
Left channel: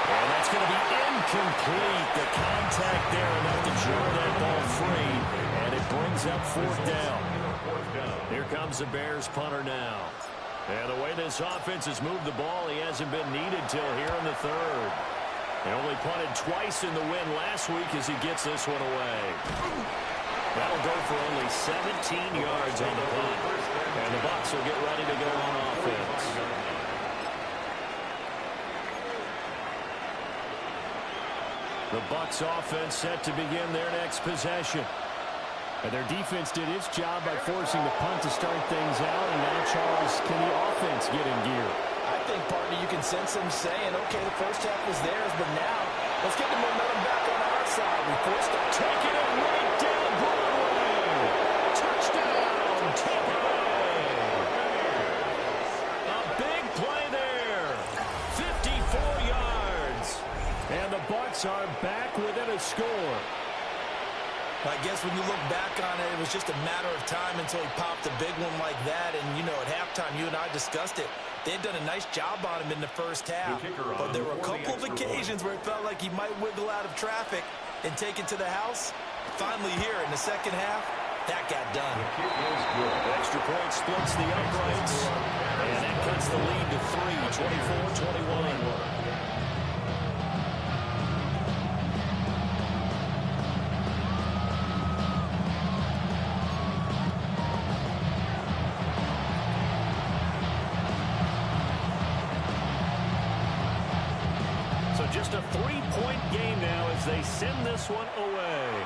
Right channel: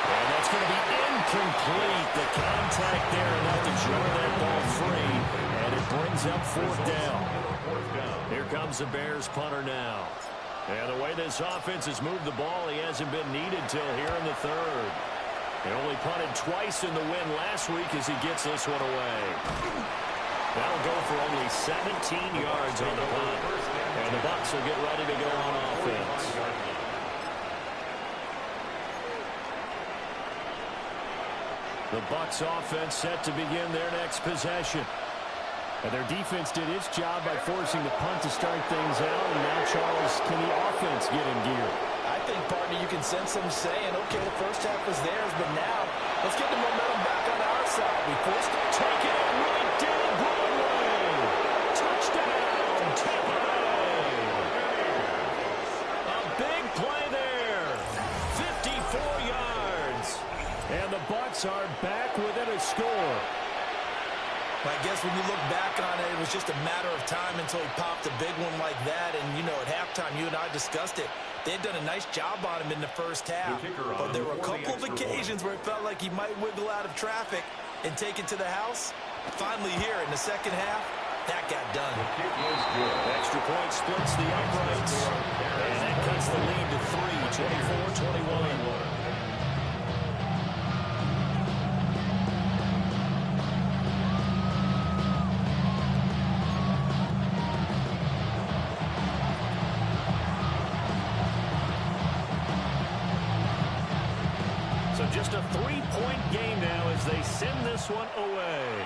And that's going to be incomplete. The contact there enough to jar that ball free. And it brings up 4th down. Here comes the Bears punter now. And the way this offense has moved the ball, he hasn't been needed till here in the 3rd. He only punted twice in the win last week as he gets this one away. That'll go for only 17 yards on the punt. And the Bucs will get ready to go on offense. The Bucs offense set to begin their next possession. And their defense did its job by forcing the punt to start things out. And now, Charles, can the offense get in gear? I think, partner, you can sense them saying, okay, the first half was theirs, but now let's get the momentum back on our side. We forced it. Taking it right down Broadway. Touchdown, Tampa Bay. A big play there. 54 yards. And the Bucs are back within a score. I guess when you look back on it, it was just a matter of time until he popped a big one like that. And, you know, at halftime, you and I discussed it. They had done a nice job on him in the first half. But there were a couple of occasions where it felt like he might wiggle out of traffic and take it to the house. Finally here in the second half, that got done. Extra point splits the uprights. And that cuts the lead to 3, 24-21. So just a 3-point game now as they send this one away.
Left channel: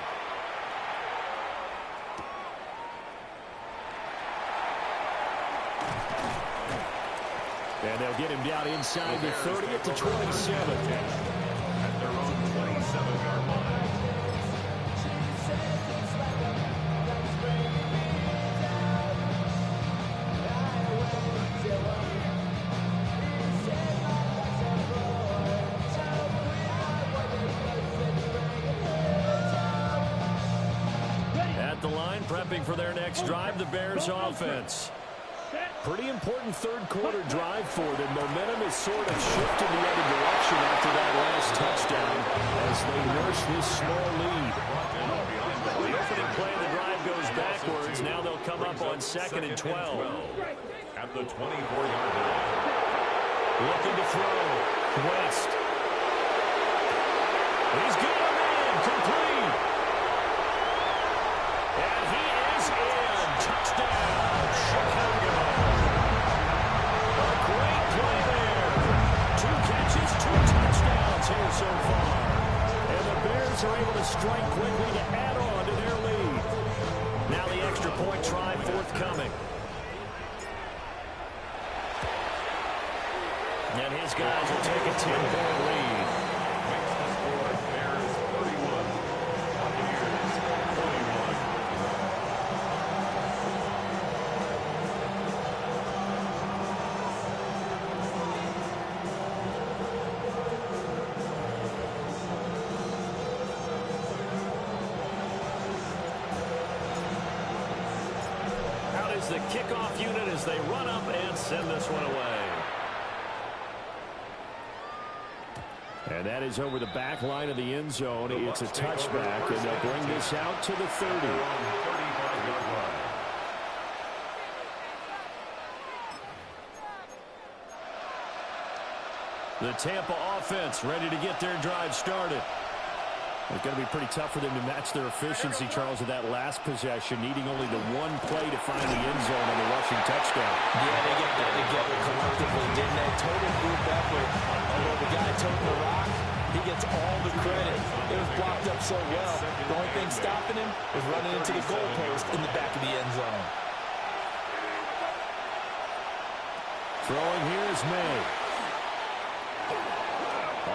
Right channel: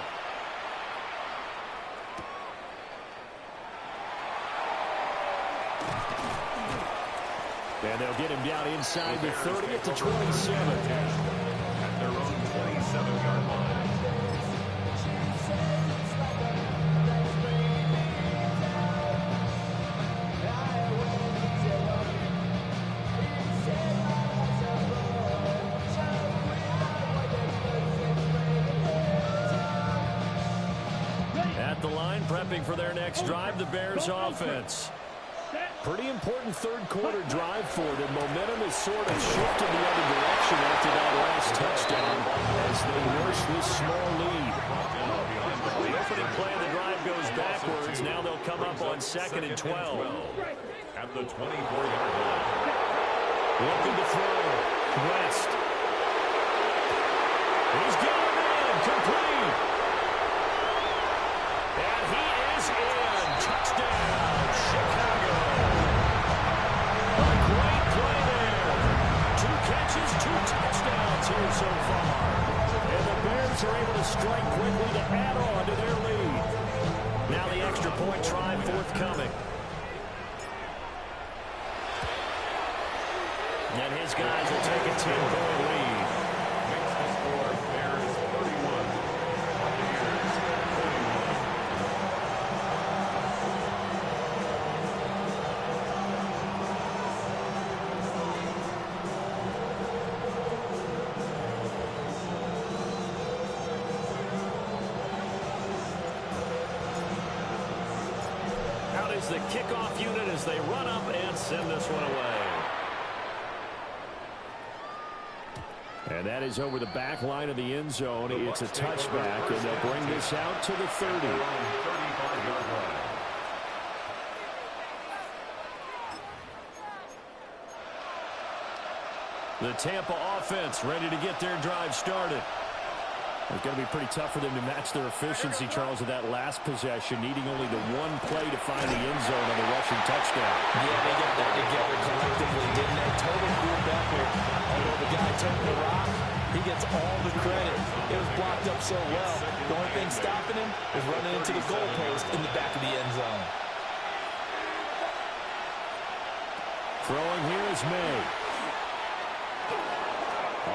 And they'll get him down inside the 30 at the 27. At their own 27-yard line. At the line, prepping for their next drive, the Bears offense. Pretty important third quarter drive for them. Momentum has sort of shifted the other direction after that last touchdown as they nurse this small lead. The opening play of the drive goes backwards. Now they'll come up on 2nd and 12. At the 24-yard line. Looking to throw. West. He's got him in. Complete. And he is in. Touchdown, Chicago. A great play there. 2 catches, 2 touchdowns here so far. And the Bears are able to strike quickly to add on to their lead. Now the extra point try forthcoming. And his guys will take a 10-point lead. Makes the score Bears 31, Buccaneers 21. Out is the kickoff unit as they run up and send this one away. And that is over the back line of the end zone. It's a touchback, and they'll bring this out to the 30. 35-yard line. The Tampa offense ready to get their drive started. It's going to be pretty tough for them to match their efficiency, Charles, of that last possession, needing only the one play to find the end zone on the rushing touchdown. Yeah, they got that together collectively, didn't they? Total group effort. Although the guy toting the rock, he gets all the credit. It was blocked up so well. The only thing stopping him was running into the goalpost in the back of the end zone. Throwing here is May.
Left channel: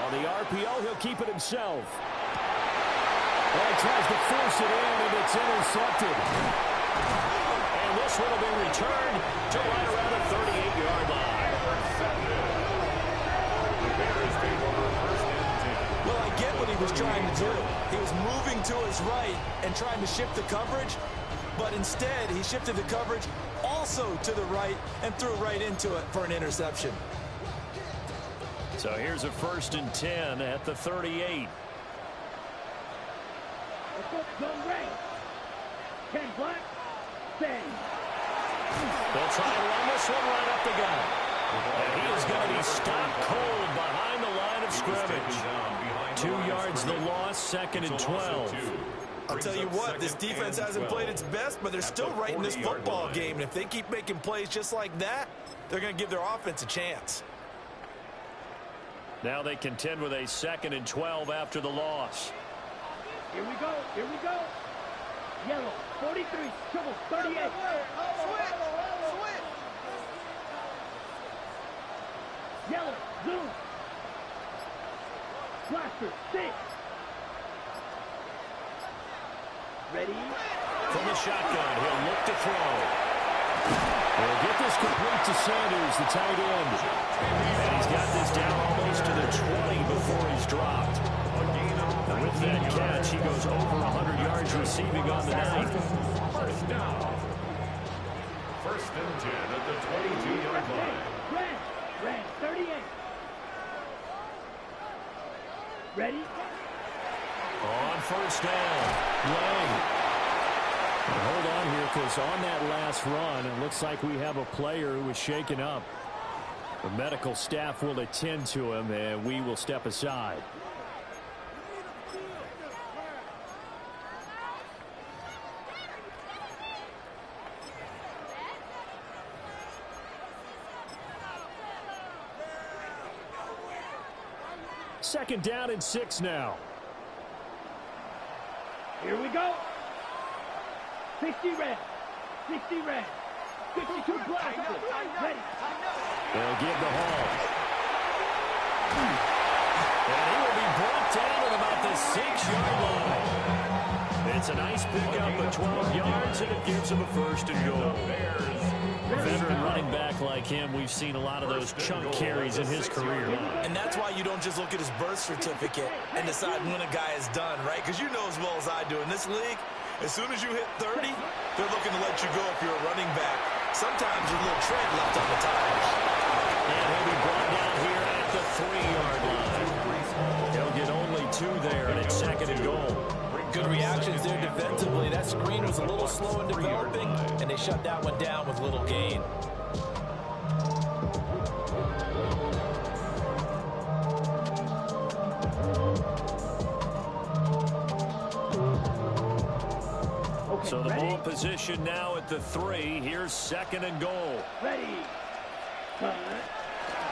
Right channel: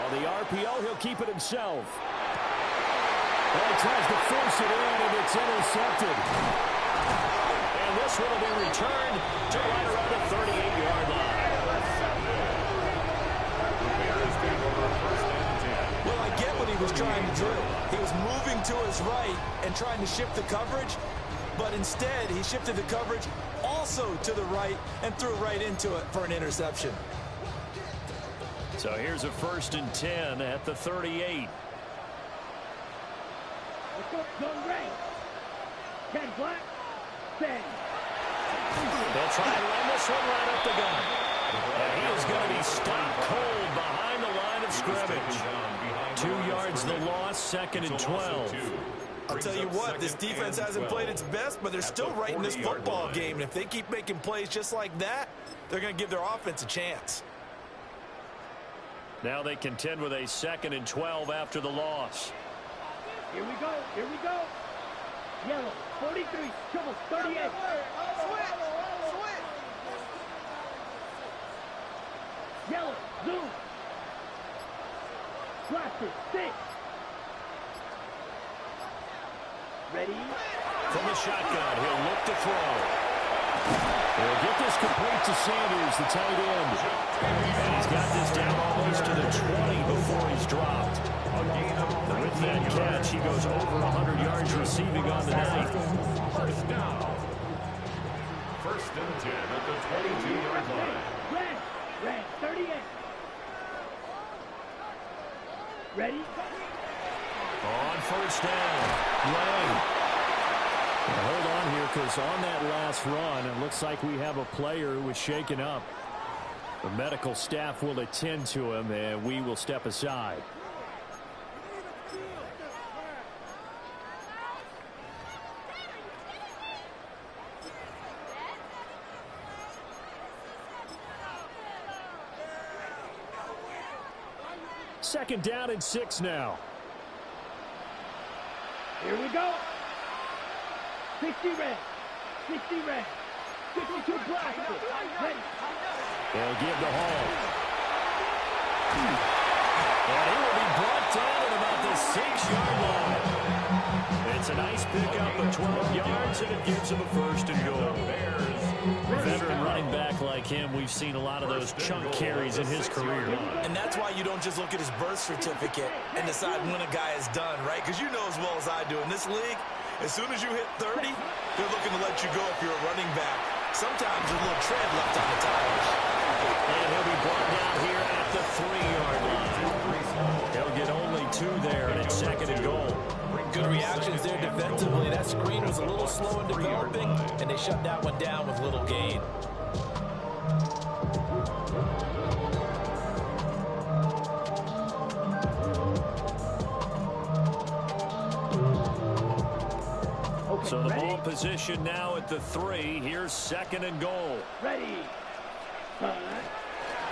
On the RPO, he'll keep it himself. Well, he tries to force it in, and it's intercepted. And this one will be returned to right around the 38-yard line. The Bears take over 1st and 10. Well, I get what he was trying to do. He was moving to his right and trying to shift the coverage, but instead he shifted the coverage also to the right and threw right into it for an interception. So here's a 1st and 10 at the 38. Let's go, zone right. 10 black, 10. They'll try and run this one right up the gut. And he is going to be stopped cold behind the line of scrimmage. 2 yards the loss, 2nd and 12. I'll tell you what, this defense hasn't played its best, but they're still right in this football game. And if they keep making plays just like that, they're going to give their offense a chance. Now they contend with a 2nd and 12 after the loss. Here we go, here we go. Yellow, 43, trouble, 38. Switch. Yellow, zoom. Blaster, 6. Ready? From the shotgun, he'll look to throw. He'll get this complete to Sanders, the tight end. And he's got this down almost to the 20 before he's dropped. And with that catch, he goes over 100 yards receiving on the night. First down. 1st and 10 at the 22-yard line. Red, 38. Ready? On 1st down, Lang. And hold on here, because on that last run, it looks like we have a player who was shaken up. The medical staff will attend to him, and we will step aside. Second down and 6 now. Here we go. 60 red. 60 red. 52 black. Ready. They'll give the Hall. And he will be brought down at about the 6-yard line. It's a nice pickup of 12 yards, and it gives him a 1st and goal. A veteran running back like him, we've seen a lot of those chunk carries in his career. And that's why you don't just look at his birth certificate and decide when a guy is done, right? Because you know as well as I do, in this league, As soon as you hit 30, they're looking to let you go if you're a running back. Sometimes there's a little tread left on the tires. And he'll be brought down here at the 3-yard line. He'll get only 2 there, and it's 2nd and goal. Good reactions there defensively. That screen was a little slow in developing, and they shut that one down with little gain. So the ball position now at the 3. Here's 2nd and goal. Ready. Punt.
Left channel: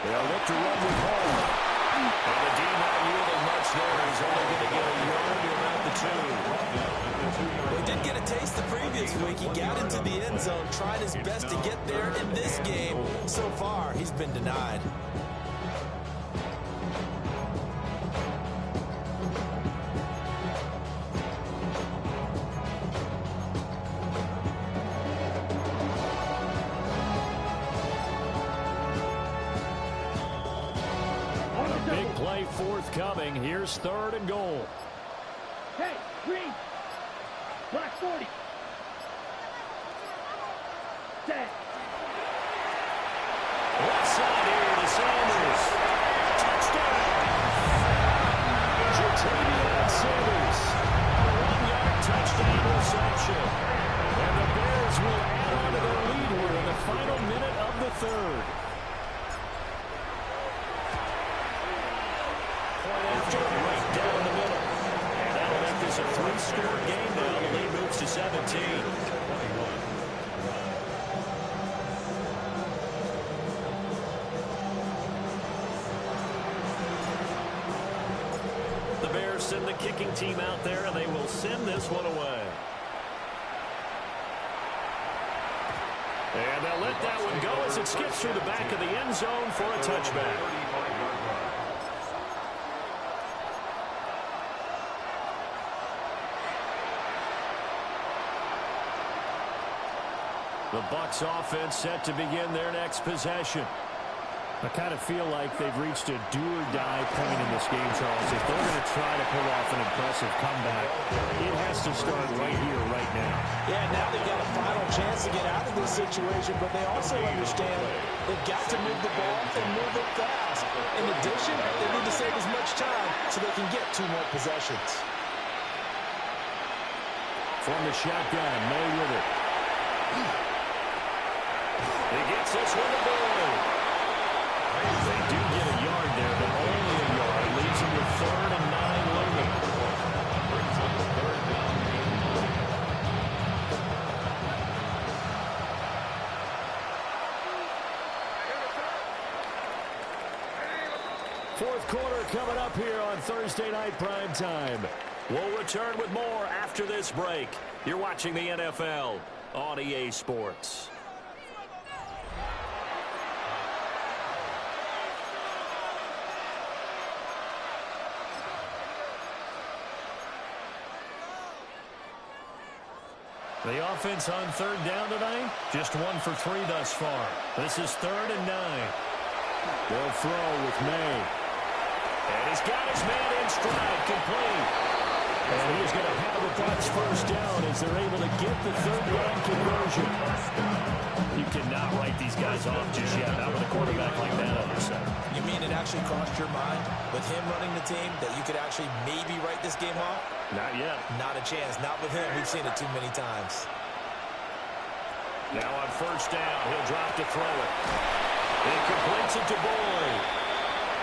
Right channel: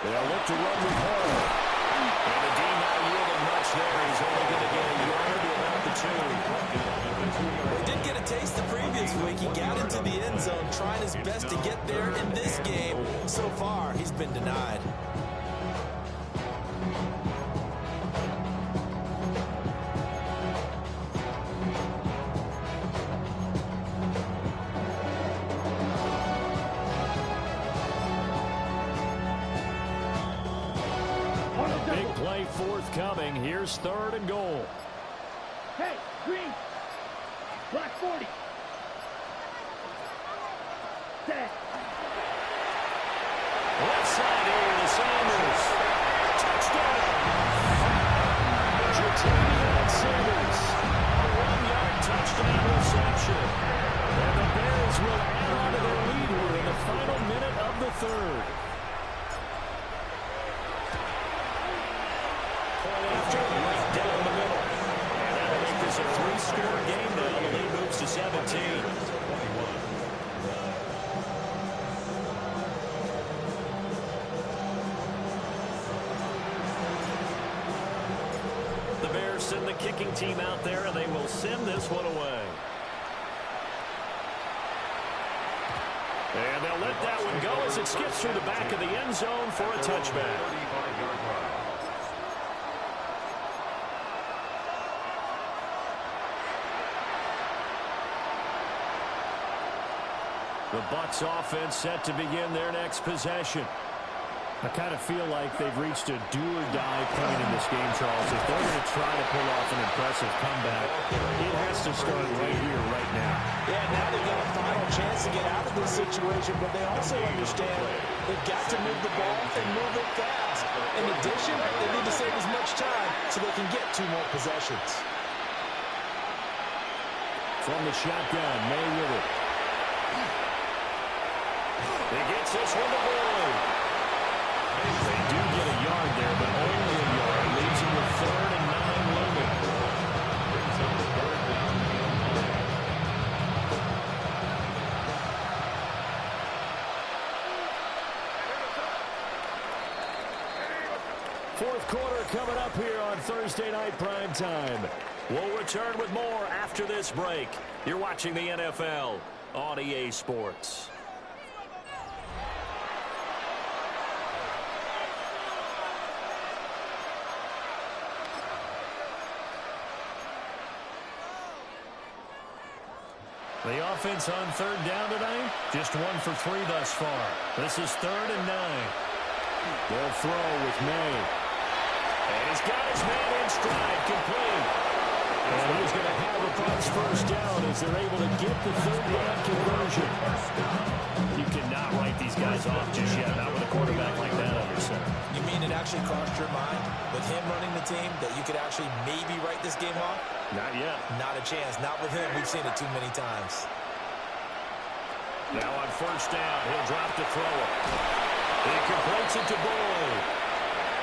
They'll look to run with Hall. And the D not yielding much there. He's only going to get a yard to about the 2. Well, he did get a taste the previous week. He got into the end zone, trying his best to get there in this game. So far, he's been denied. Big play forthcoming. Here's 3rd and goal. Hey, green. Black 40. Set. Left side here to Sanders. Touchdown. Jatavion Sanders. A 1-yard touchdown reception. And the Bears will add on to their lead here in the final minute of the 3rd. Point after, right down the middle. And that'll make this a 3-score game now. The lead moves to 17. The Bears send the kicking team out there, and they will send this one away. And they'll let that one go as it skips through the back of the end zone for a touchback. The Bucs offense set to begin their next possession. I kind of feel like they've reached a do-or-die point in this game, Charles. If they're going to try to pull off an impressive comeback, it has to start right here, right now. Yeah, now they've got a final chance to get out of this situation, but they also understand they've got to move the ball and move it fast. In addition, they need to save as much time so they can get 2 more possessions. From the shotgun, May with it. He gets this one to Boyd. They do get a yard there, but only a yard. Leaves him with 3rd and 9 looming. Brings up the 3rd down and 9. Fourth quarter coming up here on Thursday Night Prime Time. We'll return with more after this break. You're watching the NFL on EA Sports. The offense on 3rd down tonight, just 1 for 3 thus far. This is 3rd and 9. They'll throw with May. And he's got his man in stride, complete. And he's going to have a Bucs 1st down as they're able to get the 3rd down conversion. You cannot write these guys off just yet, not with a quarterback like that under center. You mean it actually crossed your mind with him running the team that you could actually maybe write this game off? Not yet. Not a chance. Not with him. We've seen it too many times. Now on 1st down, he'll drop to throw it. He completes it to Boyd.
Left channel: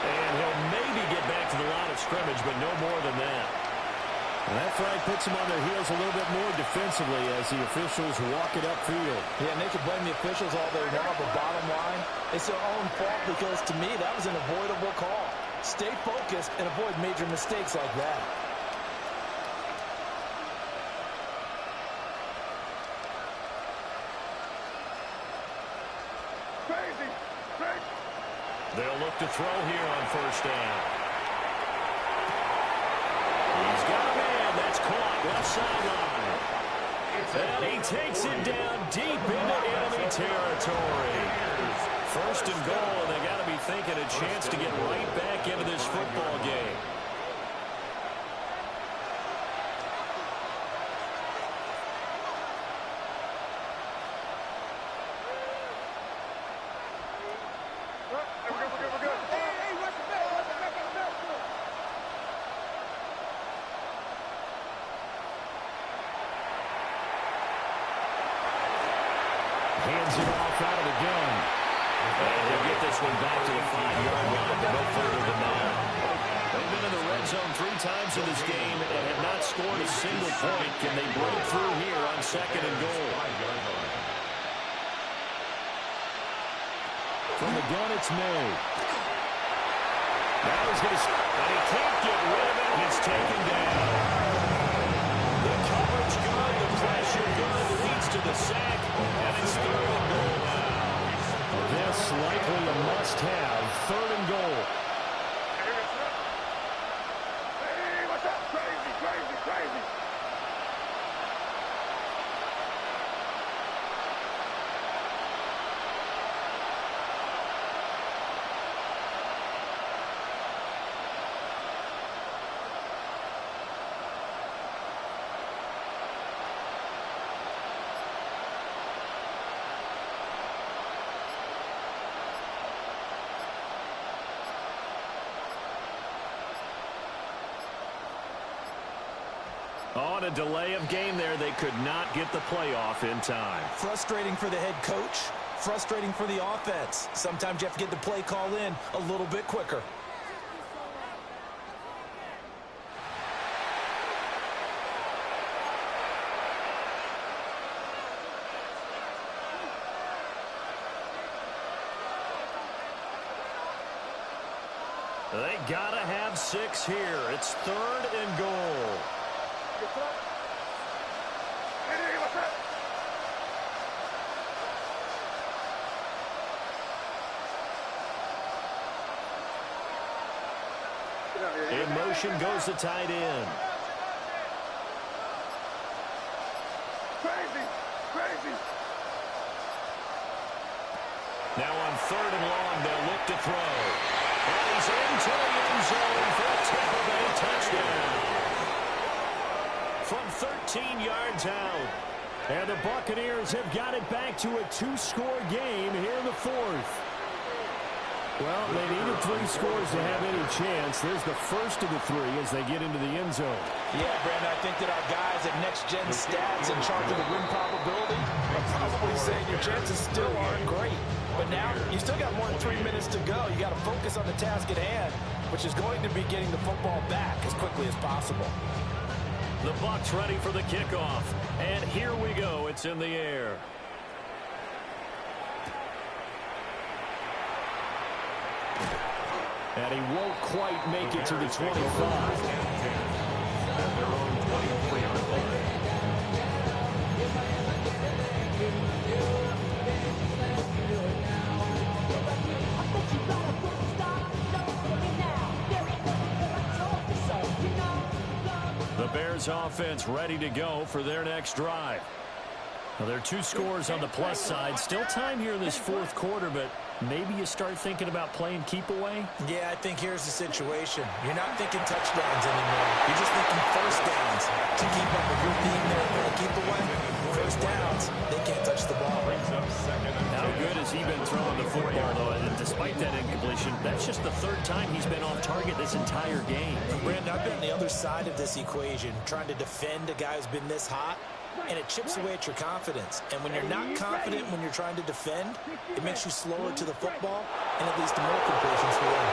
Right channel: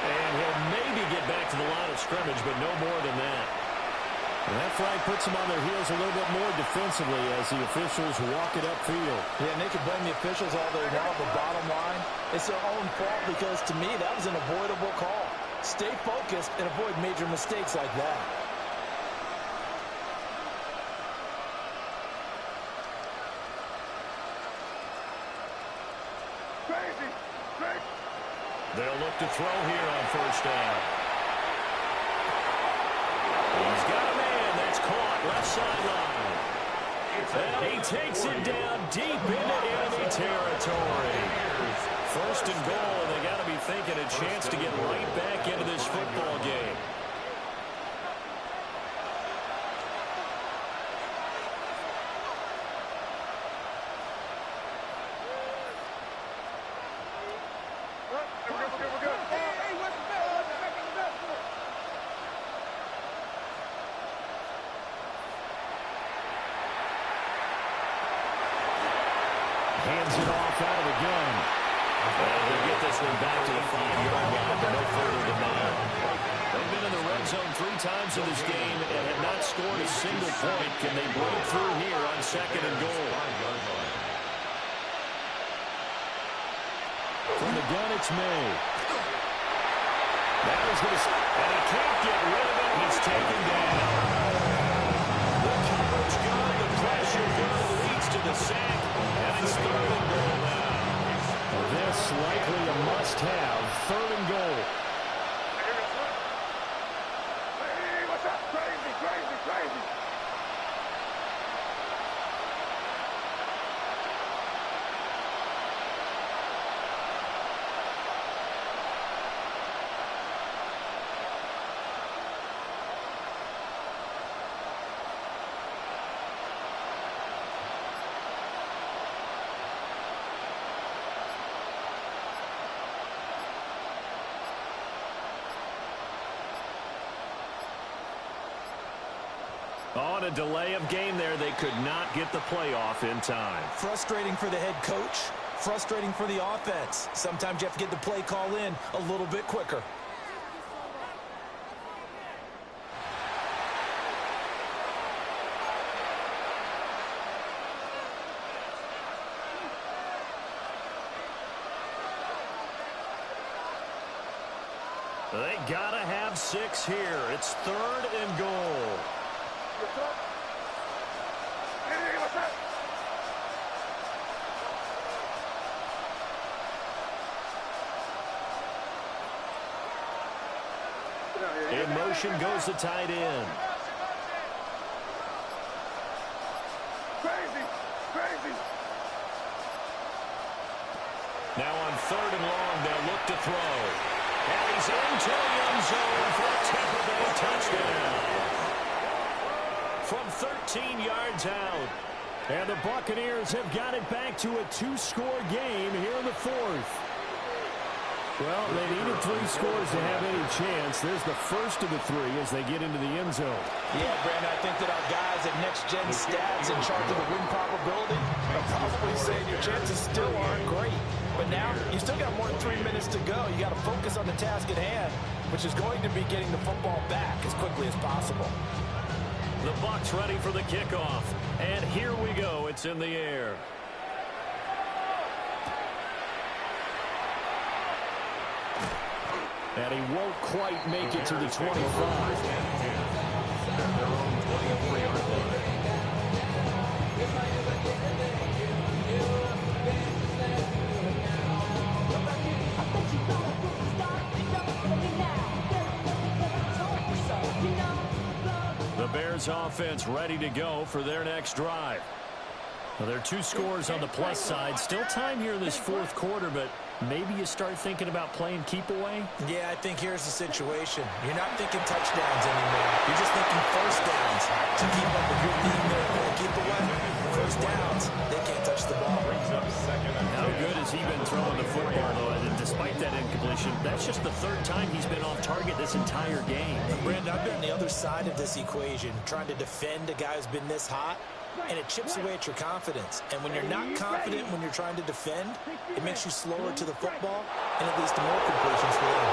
And he'll maybe get back to the line of scrimmage, but no more than that. And that flag puts them on their heels a little bit more defensively as the officials walk it upfield. Yeah, and they can blame the officials all day long, but bottom line, it's their own fault because, to me, that was an avoidable call. Stay focused and avoid major mistakes like that. They'll look to throw here on 1st down. He's got a man that's caught left sideline. And he takes it down deep into enemy territory. 1st and goal, and they got to be thinking a chance to get right back into this football game. Hands it off out of the gun. And he'll get this one back to the 5-yard line, but no further than that. They've been in the red zone 3 times in this game and have not scored a single point. Can they break through here on 2nd and goal? From the gun, it's May. Now he's going to... And he can't get rid of it. He's taken down. The coverage good, the pressure good, leads to the sack, and it's 3rd and goal now. This likely a must-have, 3rd and goal. Hey, what's up? Crazy, crazy, crazy. On a delay of game there, they could not get the playoff in time. Frustrating for the head coach, frustrating for the offense. Sometimes you have to get the play call in a little bit quicker. They gotta have 6 here. It's 3rd and goal. Hey, what's up? In motion goes the tight end. Crazy, crazy. Now on 3rd and long, they'll look to throw. And he's into the end zone for a Tampa Bay touchdown. From 13 yards out. And the Buccaneers have got it back to a 2-score game here in the 4th. Well, they needed 3 scores to have any chance. There's the first of the 3 as they get into the end zone. Yeah, Brandon, I think that our guys at Next Gen Stats in charge of the win probability are probably saying your chances still aren't great. But now you still got more than 3 minutes to go. You got to focus on the task at hand, which is going to be getting the football back as quickly as possible. The Bucs ready for the kickoff. And here we go. It's in the air. And he won't quite make it to the 25. At their own 23-yard line. The Bears offense ready to go for their next drive. Well, there are 2 scores on the plus side. Still time here in this 4th quarter, but maybe you start thinking about playing keep away? Yeah, I think here's the situation. You're not thinking touchdowns anymore. You're just thinking first downs to keep up with your team there playing keep away. First downs, they can't touch the ball. How good has he been throwing the football, though? And despite that incompletion, that's just the 3rd time he's been off target this entire game. Brandon, I've been on the other side of this equation, trying to defend a guy who's been this hot, and it chips away at your confidence. And when you're not confident when you're trying to defend, it makes you slower to the football, and it leads to more completions for them.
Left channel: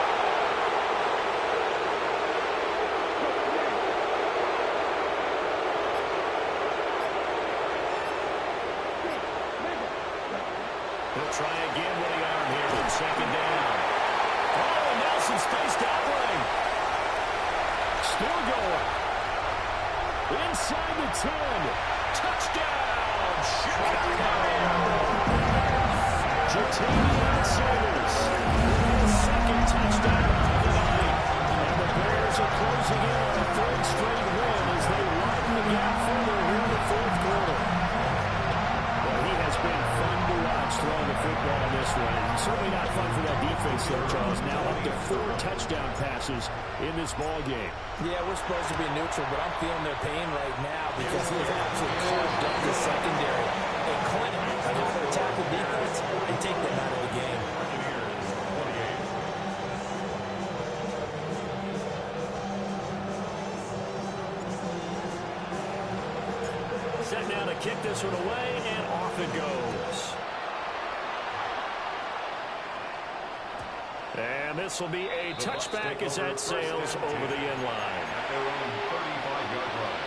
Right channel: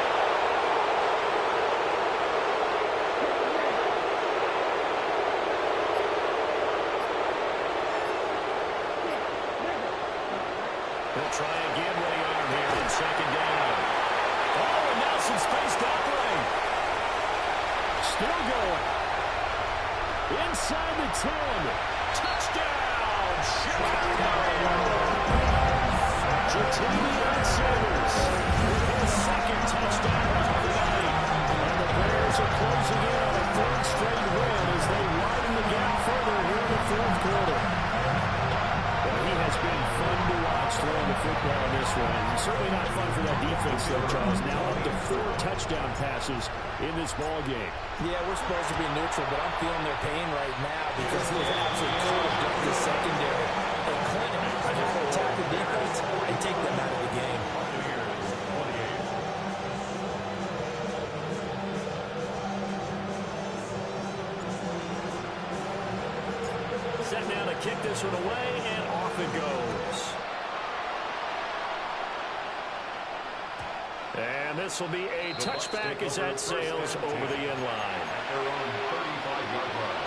He'll try again with the arm here on 2nd down. Oh, and now some space to operate. Still going. Inside the 10. Touchdown! Jatavion Sanders with his 2nd touchdown of the night. And the Bears are closing in on a 3rd straight win as they widen the gap further here in the 4th quarter. Well, he has been fun to watch throwing the football in this one. And certainly not fun for that defense, though, Charles. Now up to 4 touchdown passes in this ball game. Yeah, we're supposed to be neutral, but I'm feeling their pain right now because he has absolutely carved up the secondary. And Clinton, I have to attack the defense and take them out of the game. Set now to kick this one away, and off it goes. And this will be a touchback as that sails over the end line. At their own 35-yard line.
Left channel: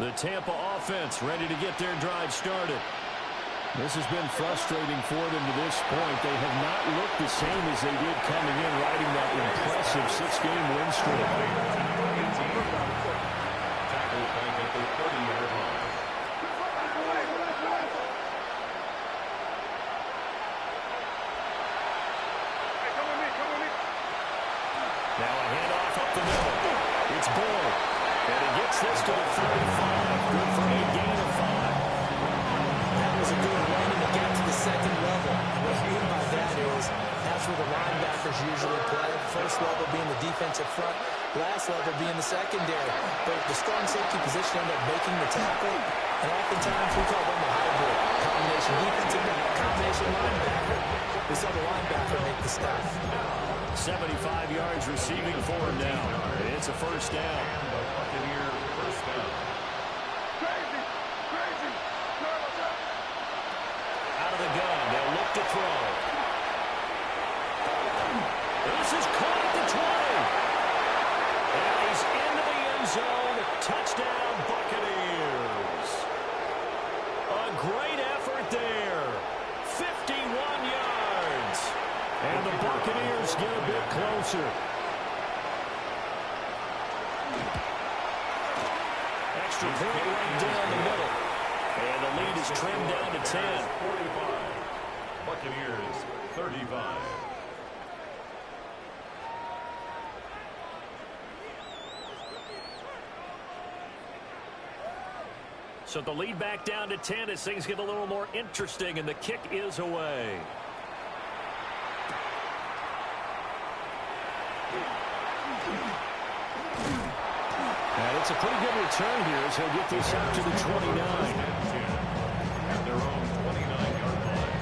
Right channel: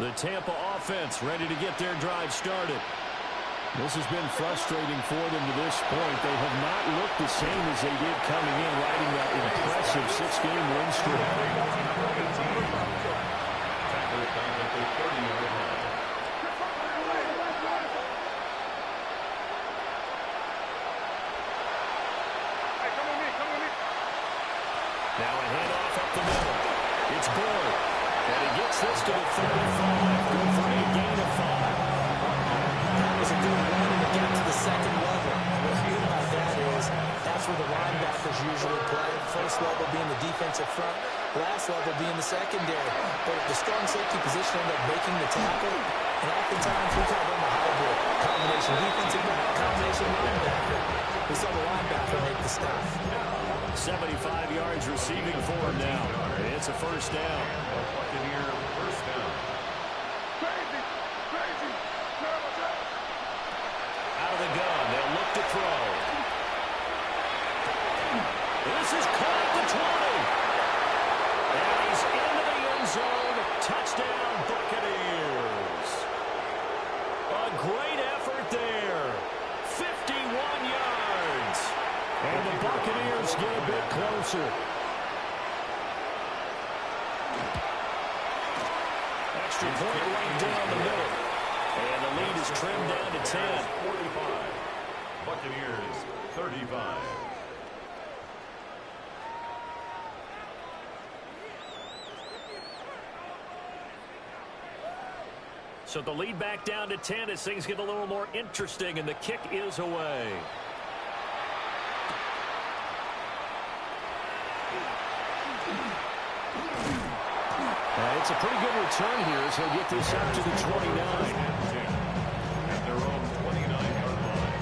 The Tampa offense ready to get their drive started. This has been frustrating for them to this point. They have not looked the same as they did coming in, riding that impressive 6-game win streak. Tackle back at the 30-yard line. Hey, come with me. Now a handoff up the middle. It's Boyd. And he gets this to the 35. Good for a gain of 5. That was a good run, and it got to the second level. And what I mean by that is that's where the linebackers usually play. First level being the defensive front, last level being the secondary. But the strong safety position ended up making the tackle, and oftentimes we call them a hybrid. Combination defensive back, combination linebacker. We saw the linebacker make the stop. 75 yards receiving for him now. It's a first down. Buccaneer first down. Crazy. Out of the gun, they'll look to throw. This is caught at the 20. And he's into the end zone. Touchdown, Buccaneers. A great effort there. 51 yards. And the Buccaneers get a bit closer. Extra point right down the middle. And the lead is trimmed down to 10. 45. Buccaneers 35. So the lead back down to 10 as things get a little more interesting, and the kick is away. And it's a pretty good return here as he'll get this up to the 29. At their own 29-yard line.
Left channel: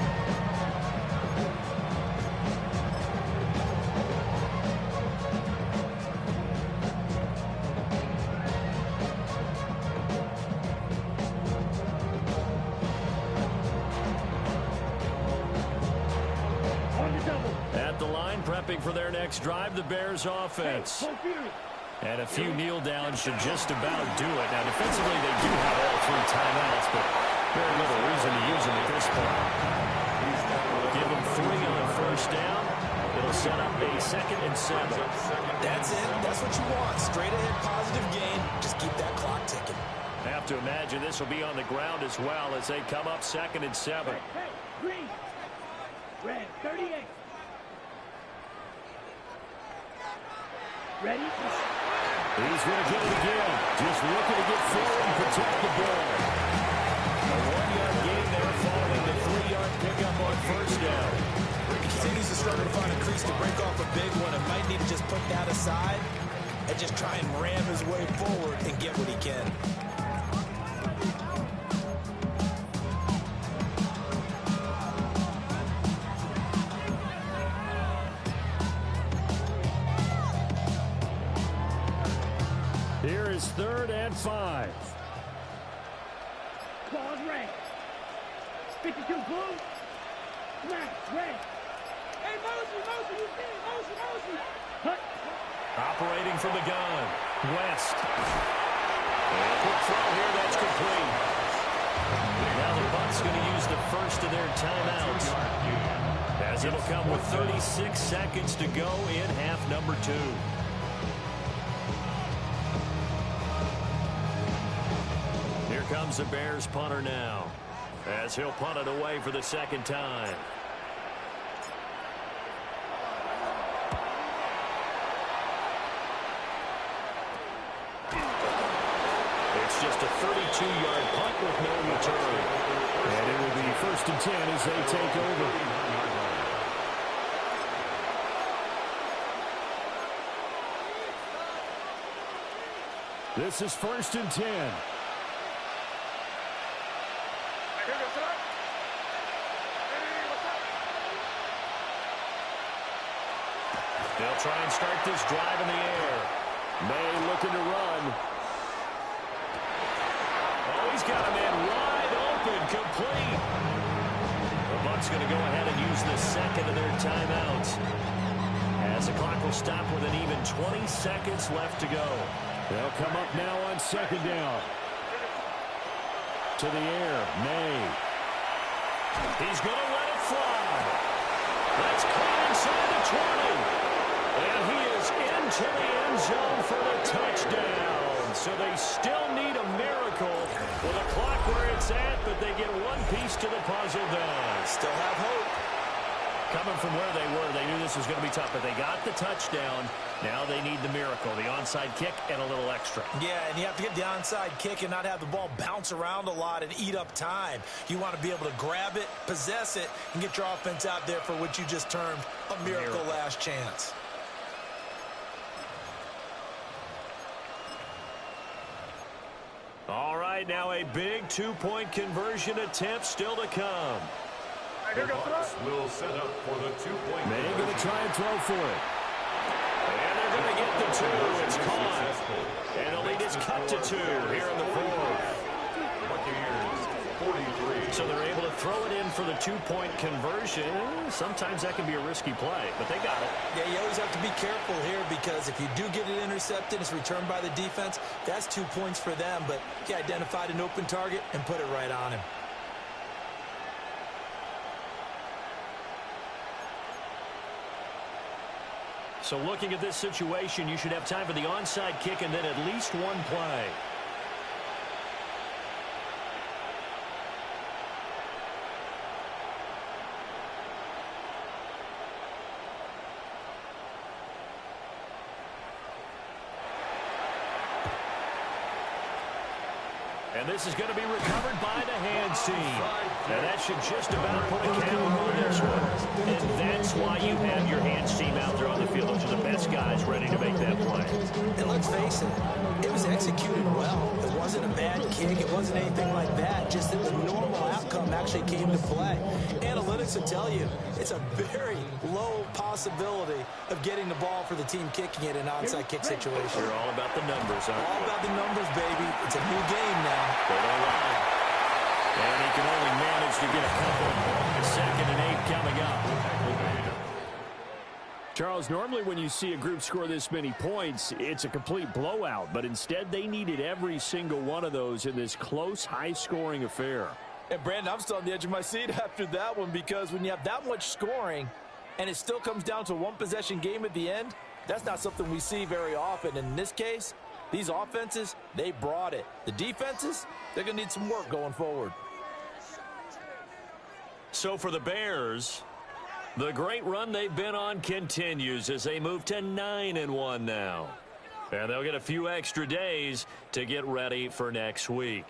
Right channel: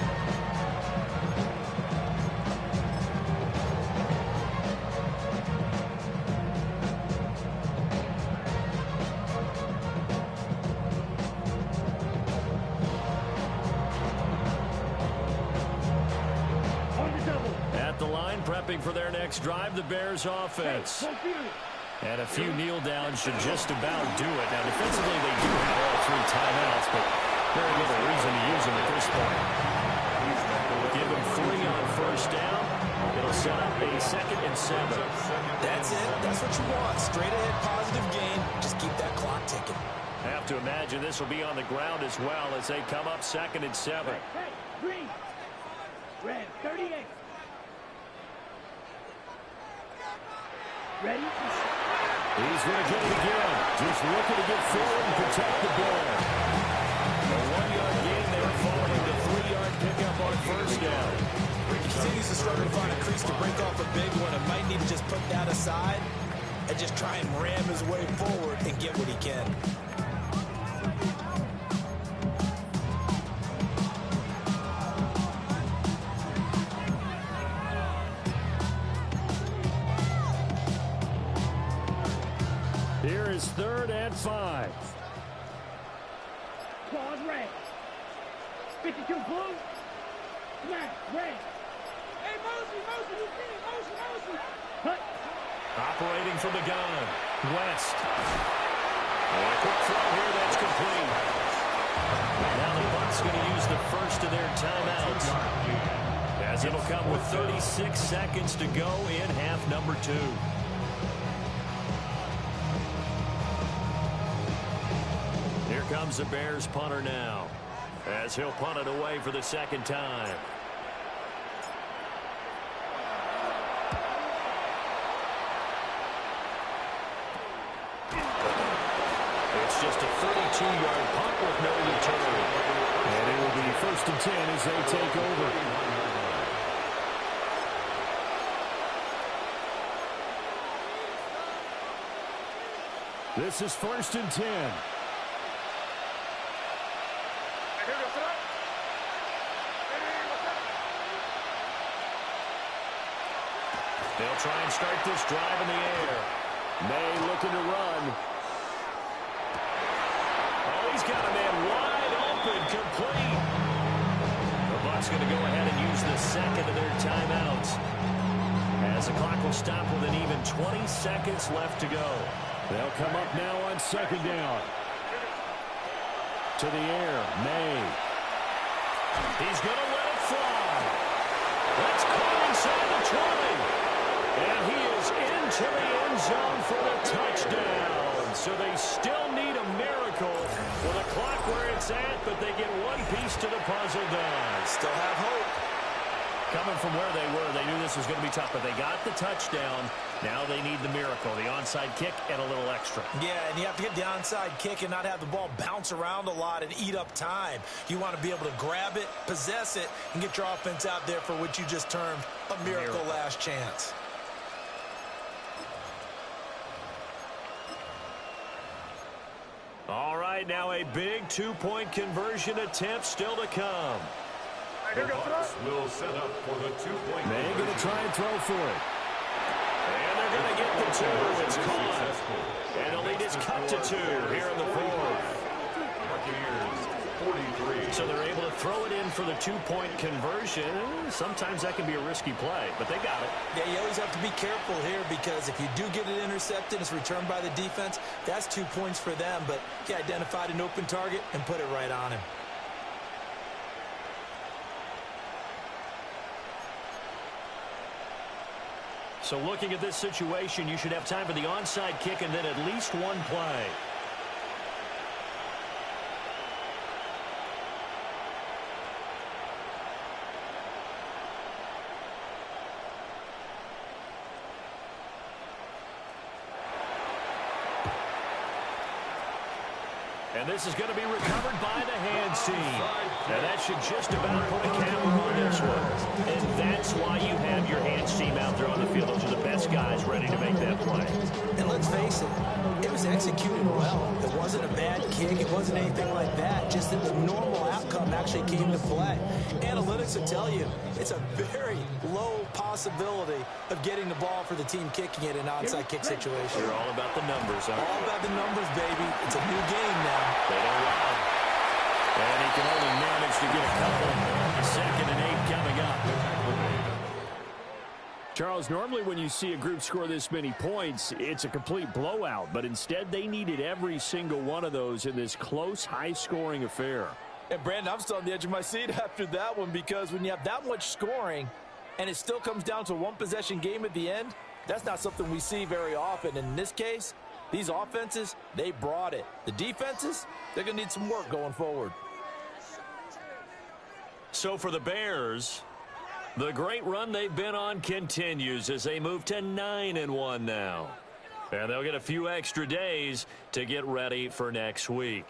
On the double. At the line, prepping for their next drive, the Bears offense. Go Fury. And a few kneel downs should just about do it. Now, defensively, they do have all 3 timeouts, but very little reason to use them at this point. Give them 3 on first down. It'll set up a 2nd and 7. That's it. That's what you want. Straight ahead, positive gain. Just keep that clock ticking. I have to imagine this will be on the ground as well as they come up 2nd and 7. Hey, green. Red, 38. Ready? He's going to get it again. Just looking to get forward and protect the ball. A 1-yard gain there following the 3-yard pickup on first down. He continues to struggle to find a crease to break off a big one and might need to just put that aside and just try and ram his way forward and get what he can. Here is 3rd and 5. Claws red. 52 blue. Smash red. Hey, Mosley, you see it. Mosley. Hut. Operating from the gun. West. And a quick throw here. That's complete. Now the Bucs going to use the first of their timeouts, as it'll come with 36 seconds to go in half number 2. Here comes the Bears punter now, as he'll punt it away for the 2nd time. It's just a 32-yard punt with no return. And it will be 1st and 10 as they take over. This is 1st and 10. They'll try and start this drive in the air. May looking to run. He's got a man wide open, complete. The Bucs going to go ahead and use the second of their timeouts, as the clock will stop with an even 20 seconds left to go. They'll come up now on second down. To the air, May. He's going to let it fly. That's caught inside the 20. And he is into the end zone for the touchdown. So they still need a miracle with a clock where it's at, but they get one piece to the puzzle done. Still have hope. Coming from where they were, they knew this was going to be tough, but they got the touchdown. Now they need the miracle, the onside kick and a little extra. Yeah, and you have to get the onside kick and not have the ball bounce around a lot and eat up time. You want to be able to grab it, possess it, and get your offense out there for what you just termed a miracle last chance. All right, now a big two-point conversion attempt still to come. The Bucs will set up for the two-point. May going to try and throw for it. And they're going to get the two. It's caught. And the lead is cut to 2 here in the fourth. Buccaneers 43. So they're able to throw it in for the two-point conversion. Sometimes that can be a risky play, but they got it. Yeah, you always have to be careful here, because if you do get it intercepted, it's returned by the defense. That's 2 points for them, but he identified an open target and put it right on him. So looking at this situation, you should have time for the onside kick and then at least one play. And this is going to be recovered by the hands team. And that should just about put a cap on this one. And that's why you have your hands team out there on the field. Those are the best guys ready to make that play. And let's face it, it was executed well. It wasn't a bad kick. It wasn't anything like that. Just that the normal outcome actually came to play. Analytics will tell you it's a very low possibility of getting the ball for the team kicking it in an onside kick situation. You're all about the numbers, aren't you? All about the numbers, baby. It's a new game now. They don't lie. And he can only manage to get a couple. Second and 8 coming up. Charles, normally when you see a group score this many points, it's a complete blowout. But instead, they needed every single one of those in this close, high-scoring affair. And, Brandon, I'm still on the edge of my seat after that one, because when you have that much scoring and it still comes down to a one-possession game at the end, that's not something we see very often. And in this case, these offenses, they brought it. The defenses, they're going to need some work going forward. So for the Bears, the great run they've been on continues as they move to 9-1 now. And they'll get a few extra days to get ready for next week.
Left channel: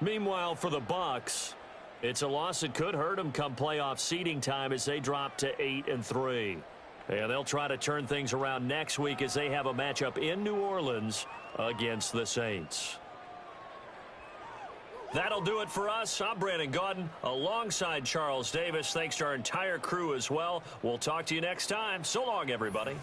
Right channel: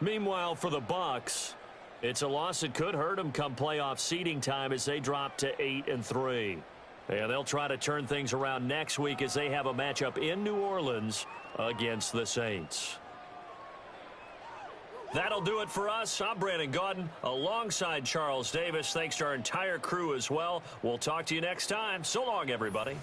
Meanwhile, for the Bucs, it's a loss that could hurt them come playoff seeding time as they drop to 8-3. And they'll try to turn things around next week as they have a matchup in New Orleans against the Saints. That'll do it for us. I'm Brandon Gaudin alongside Charles Davis. Thanks to our entire crew as well. We'll talk to you next time. So long, everybody.